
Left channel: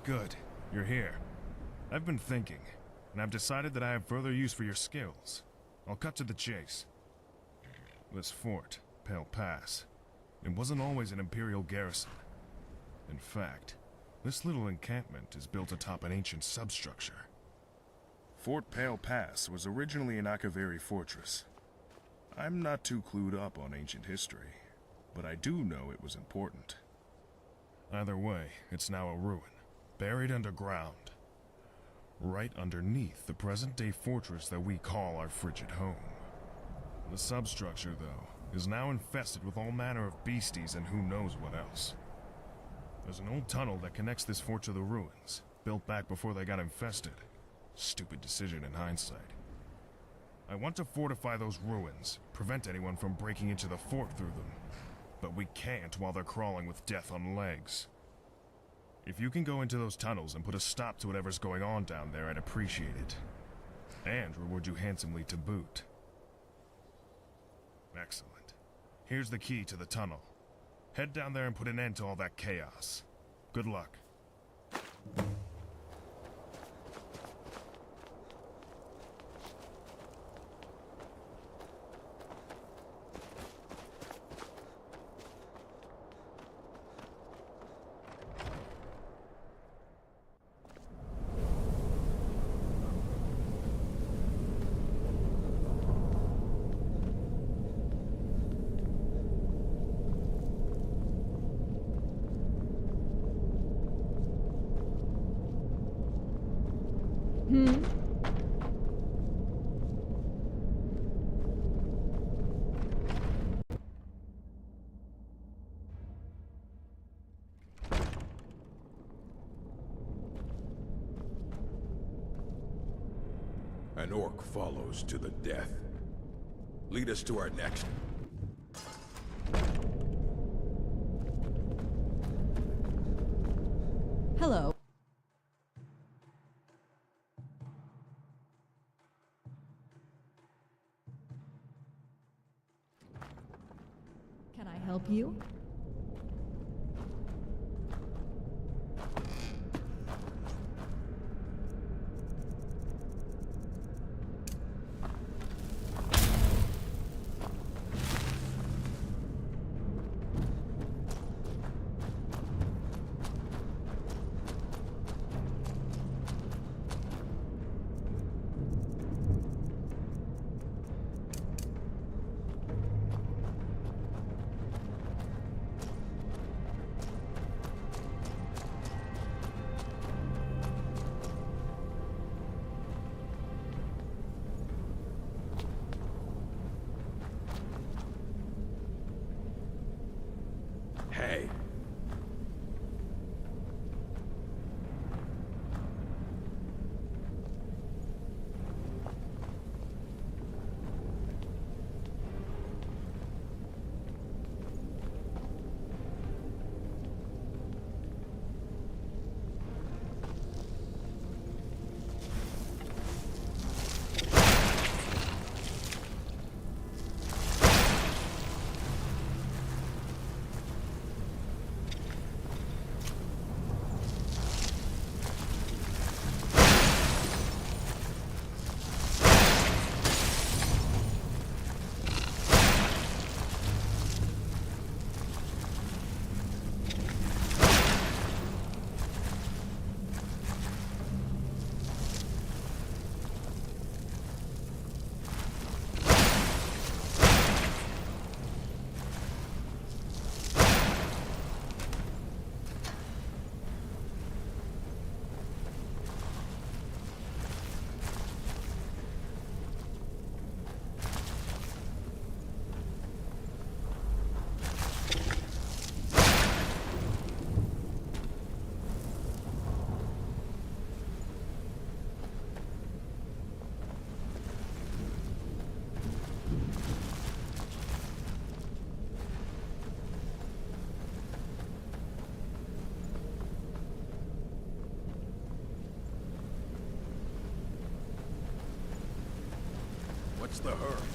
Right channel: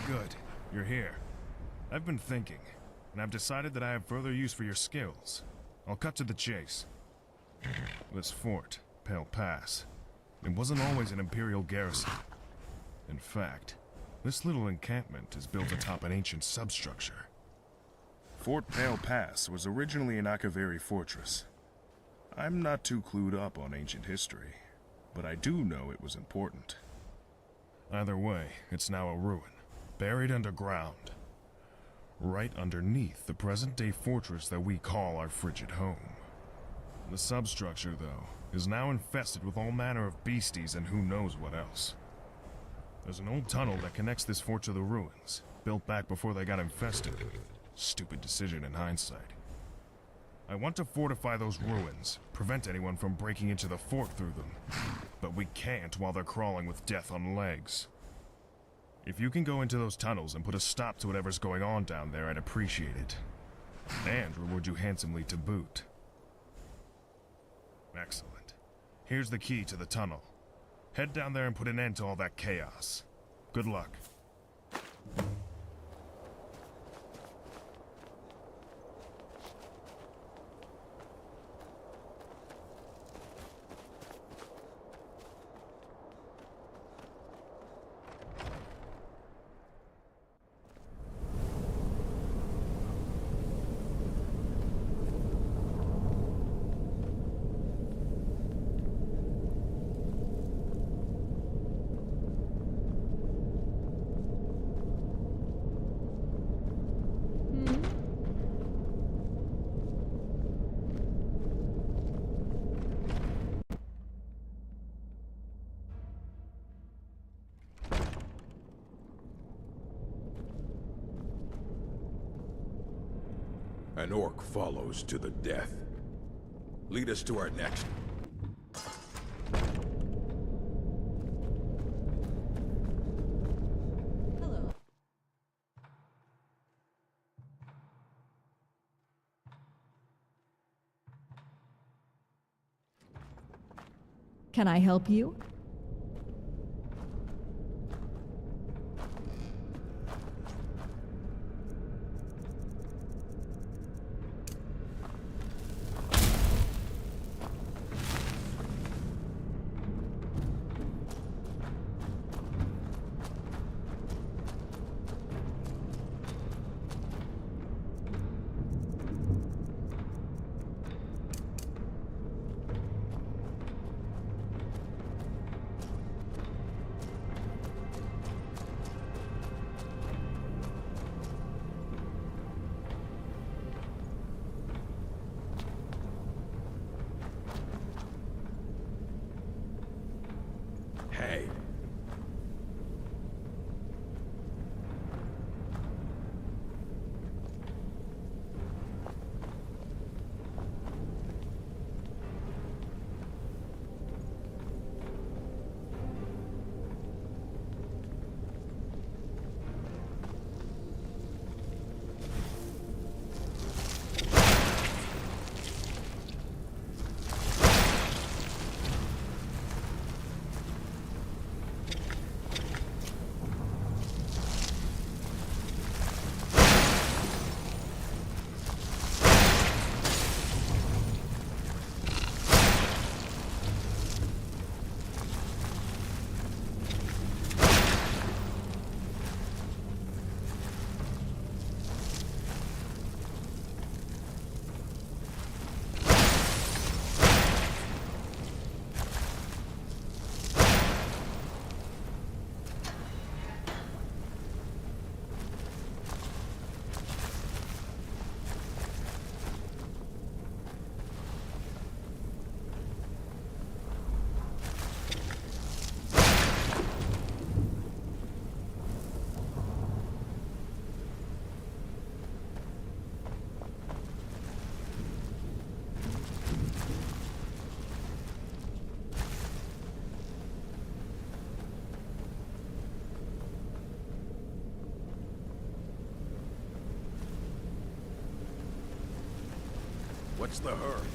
Good. You're here. I've been thinking, and I've decided that I have further use for your skills. I'll cut to the chase. This fort, Pale Pass, it wasn't always an Imperial garrison. In fact, this little encampment is built atop an ancient substructure. Fort Pale Pass was originally an Akaviri fortress. I'm not too clued up on ancient history, but I do know it was important. Either way, it's now a ruin, buried underground, right underneath the present-day fortress that we call our frigid home. The substructure, though, is now infested with all manner of beasties and who knows what else. There's an old tunnel that connects this fort to the ruins, built back before they got infested. Stupid decision in hindsight. I want to fortify those ruins, prevent anyone from breaking into the fort through them. But we can't while they're crawling with death on legs. If you can go into those tunnels and put a stop to whatever's going on down there, I'd appreciate it. And reward you handsomely to boot. Excellent. Here's the key to the tunnel. Head down there and put an end to all that chaos. Good luck. An orc follows to the death. Lead us to our next. Hello. Can I help you? Hey. What's the hurry?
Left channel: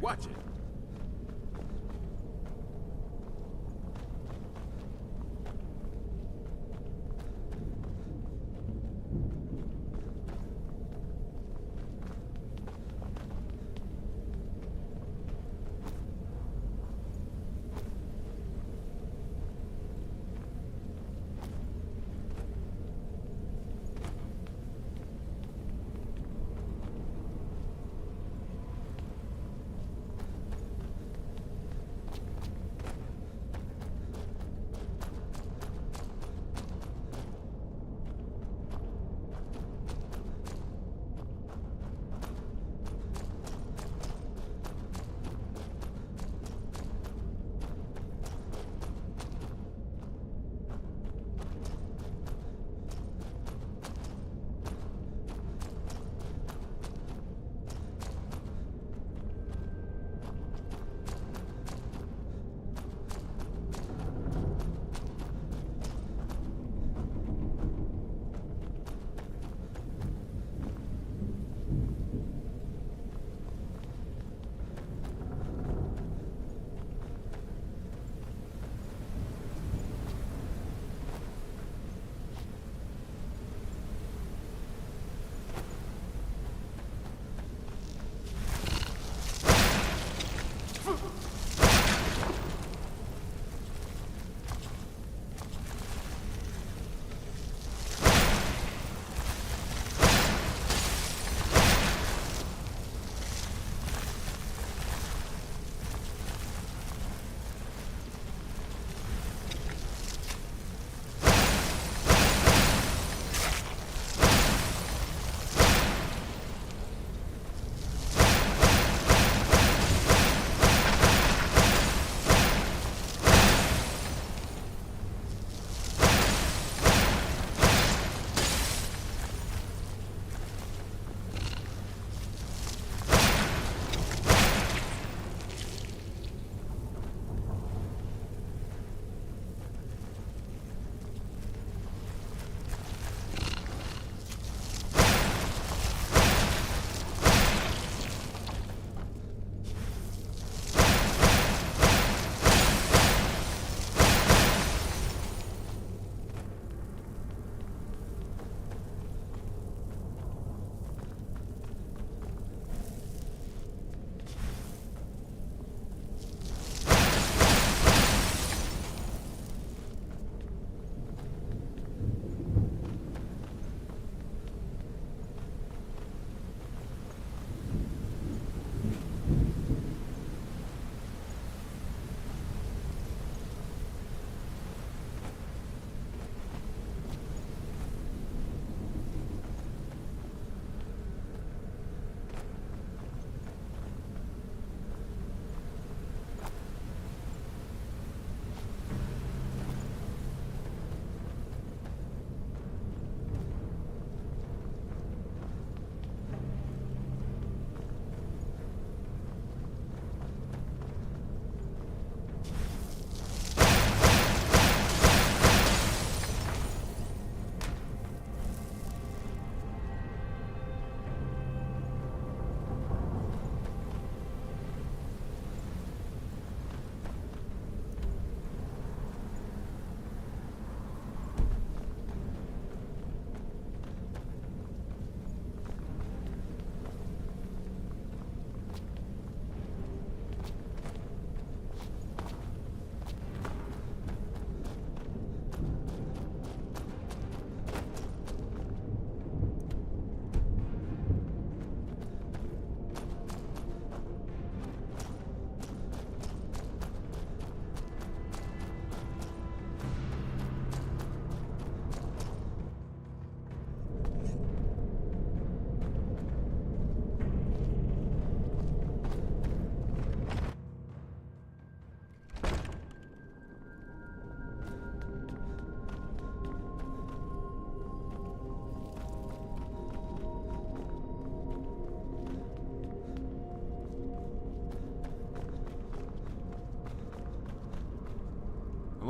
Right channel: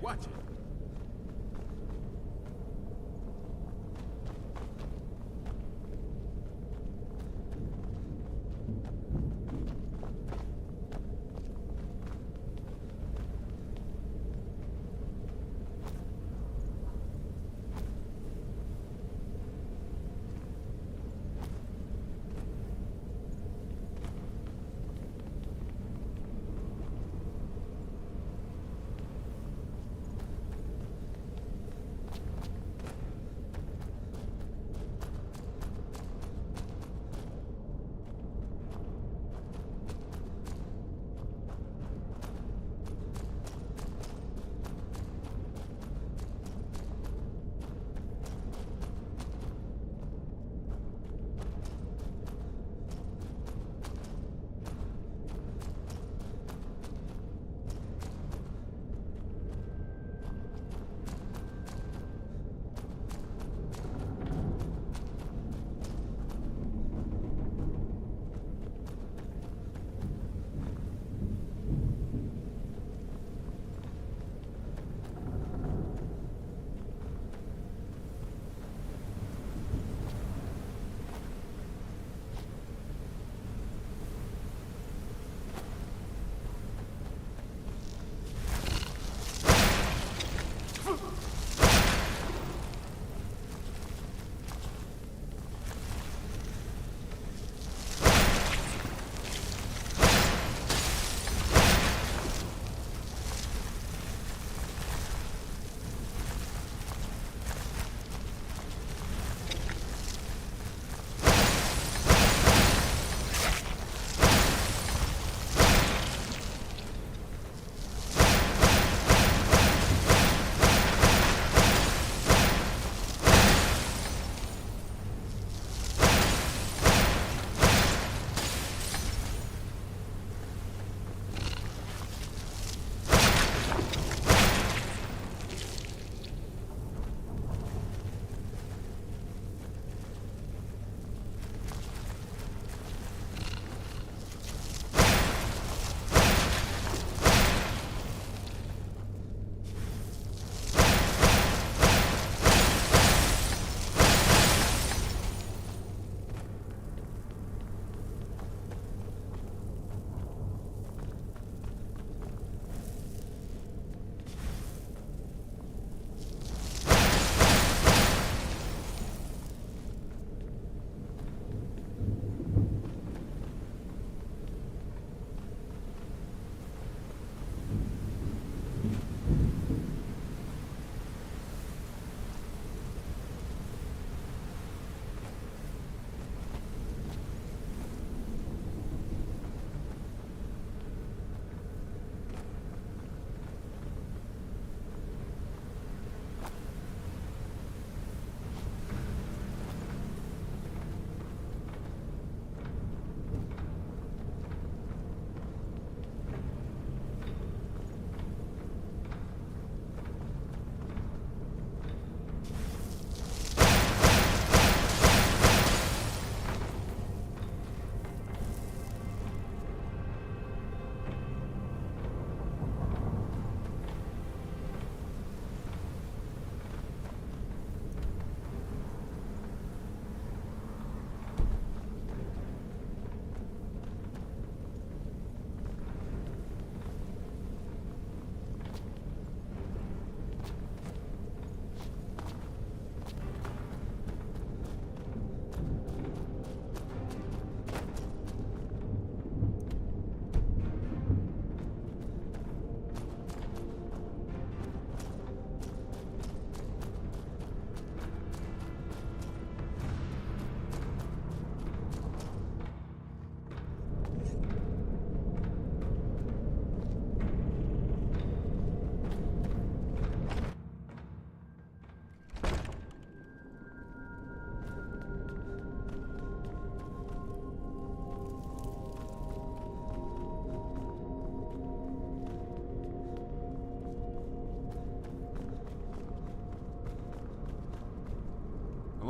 watch it.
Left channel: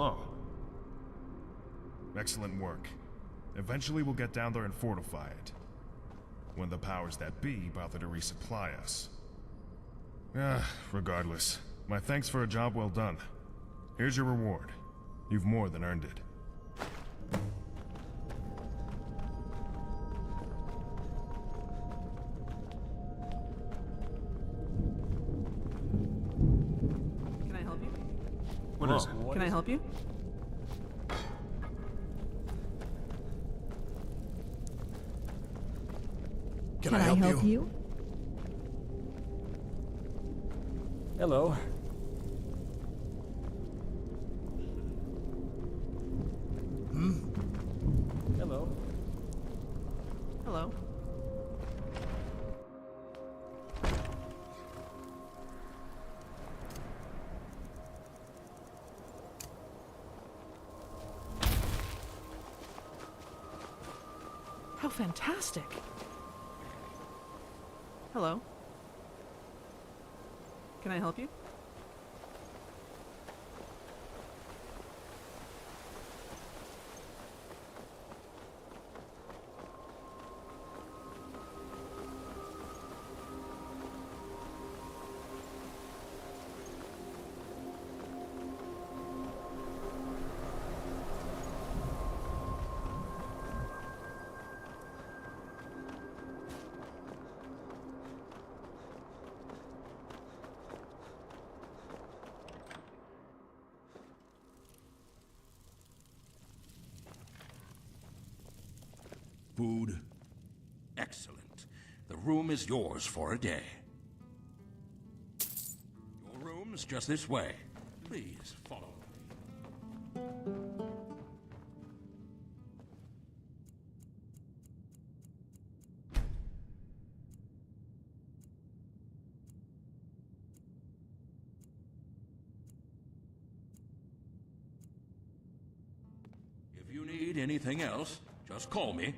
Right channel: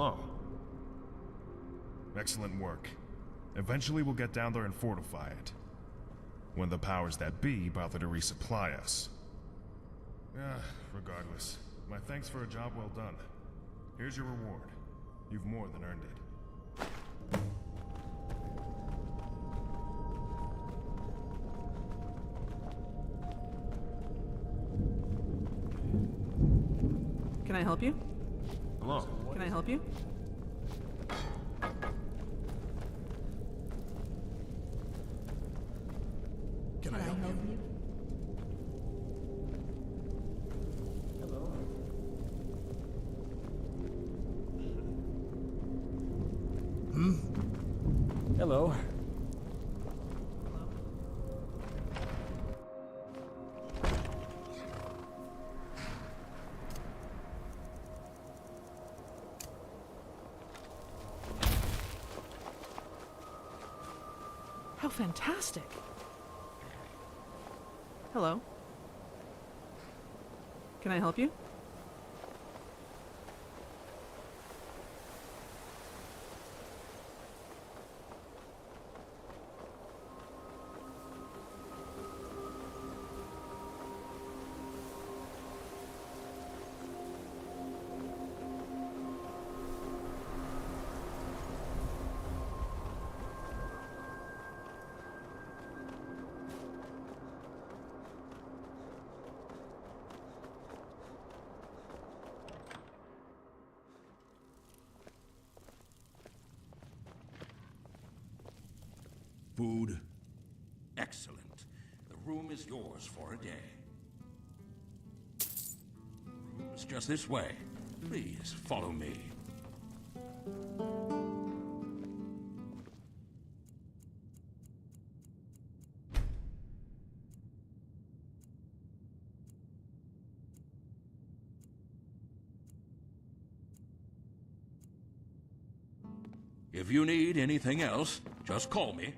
Hello. Excellent work. Eventually we'll get down there and fortify it. When the powers that be bother to resupply us. Regardless. My thanks for a job well done. Here's your reward. You've more than earned it. Can I help you? What is it? Can I help you? Can I help you? Hello. Hello. Hello. How fantastic. Hello. Can I help you? Food? Excellent. The room is yours for a day. Your room's just this way. Please, follow me. If you need anything else, just call me.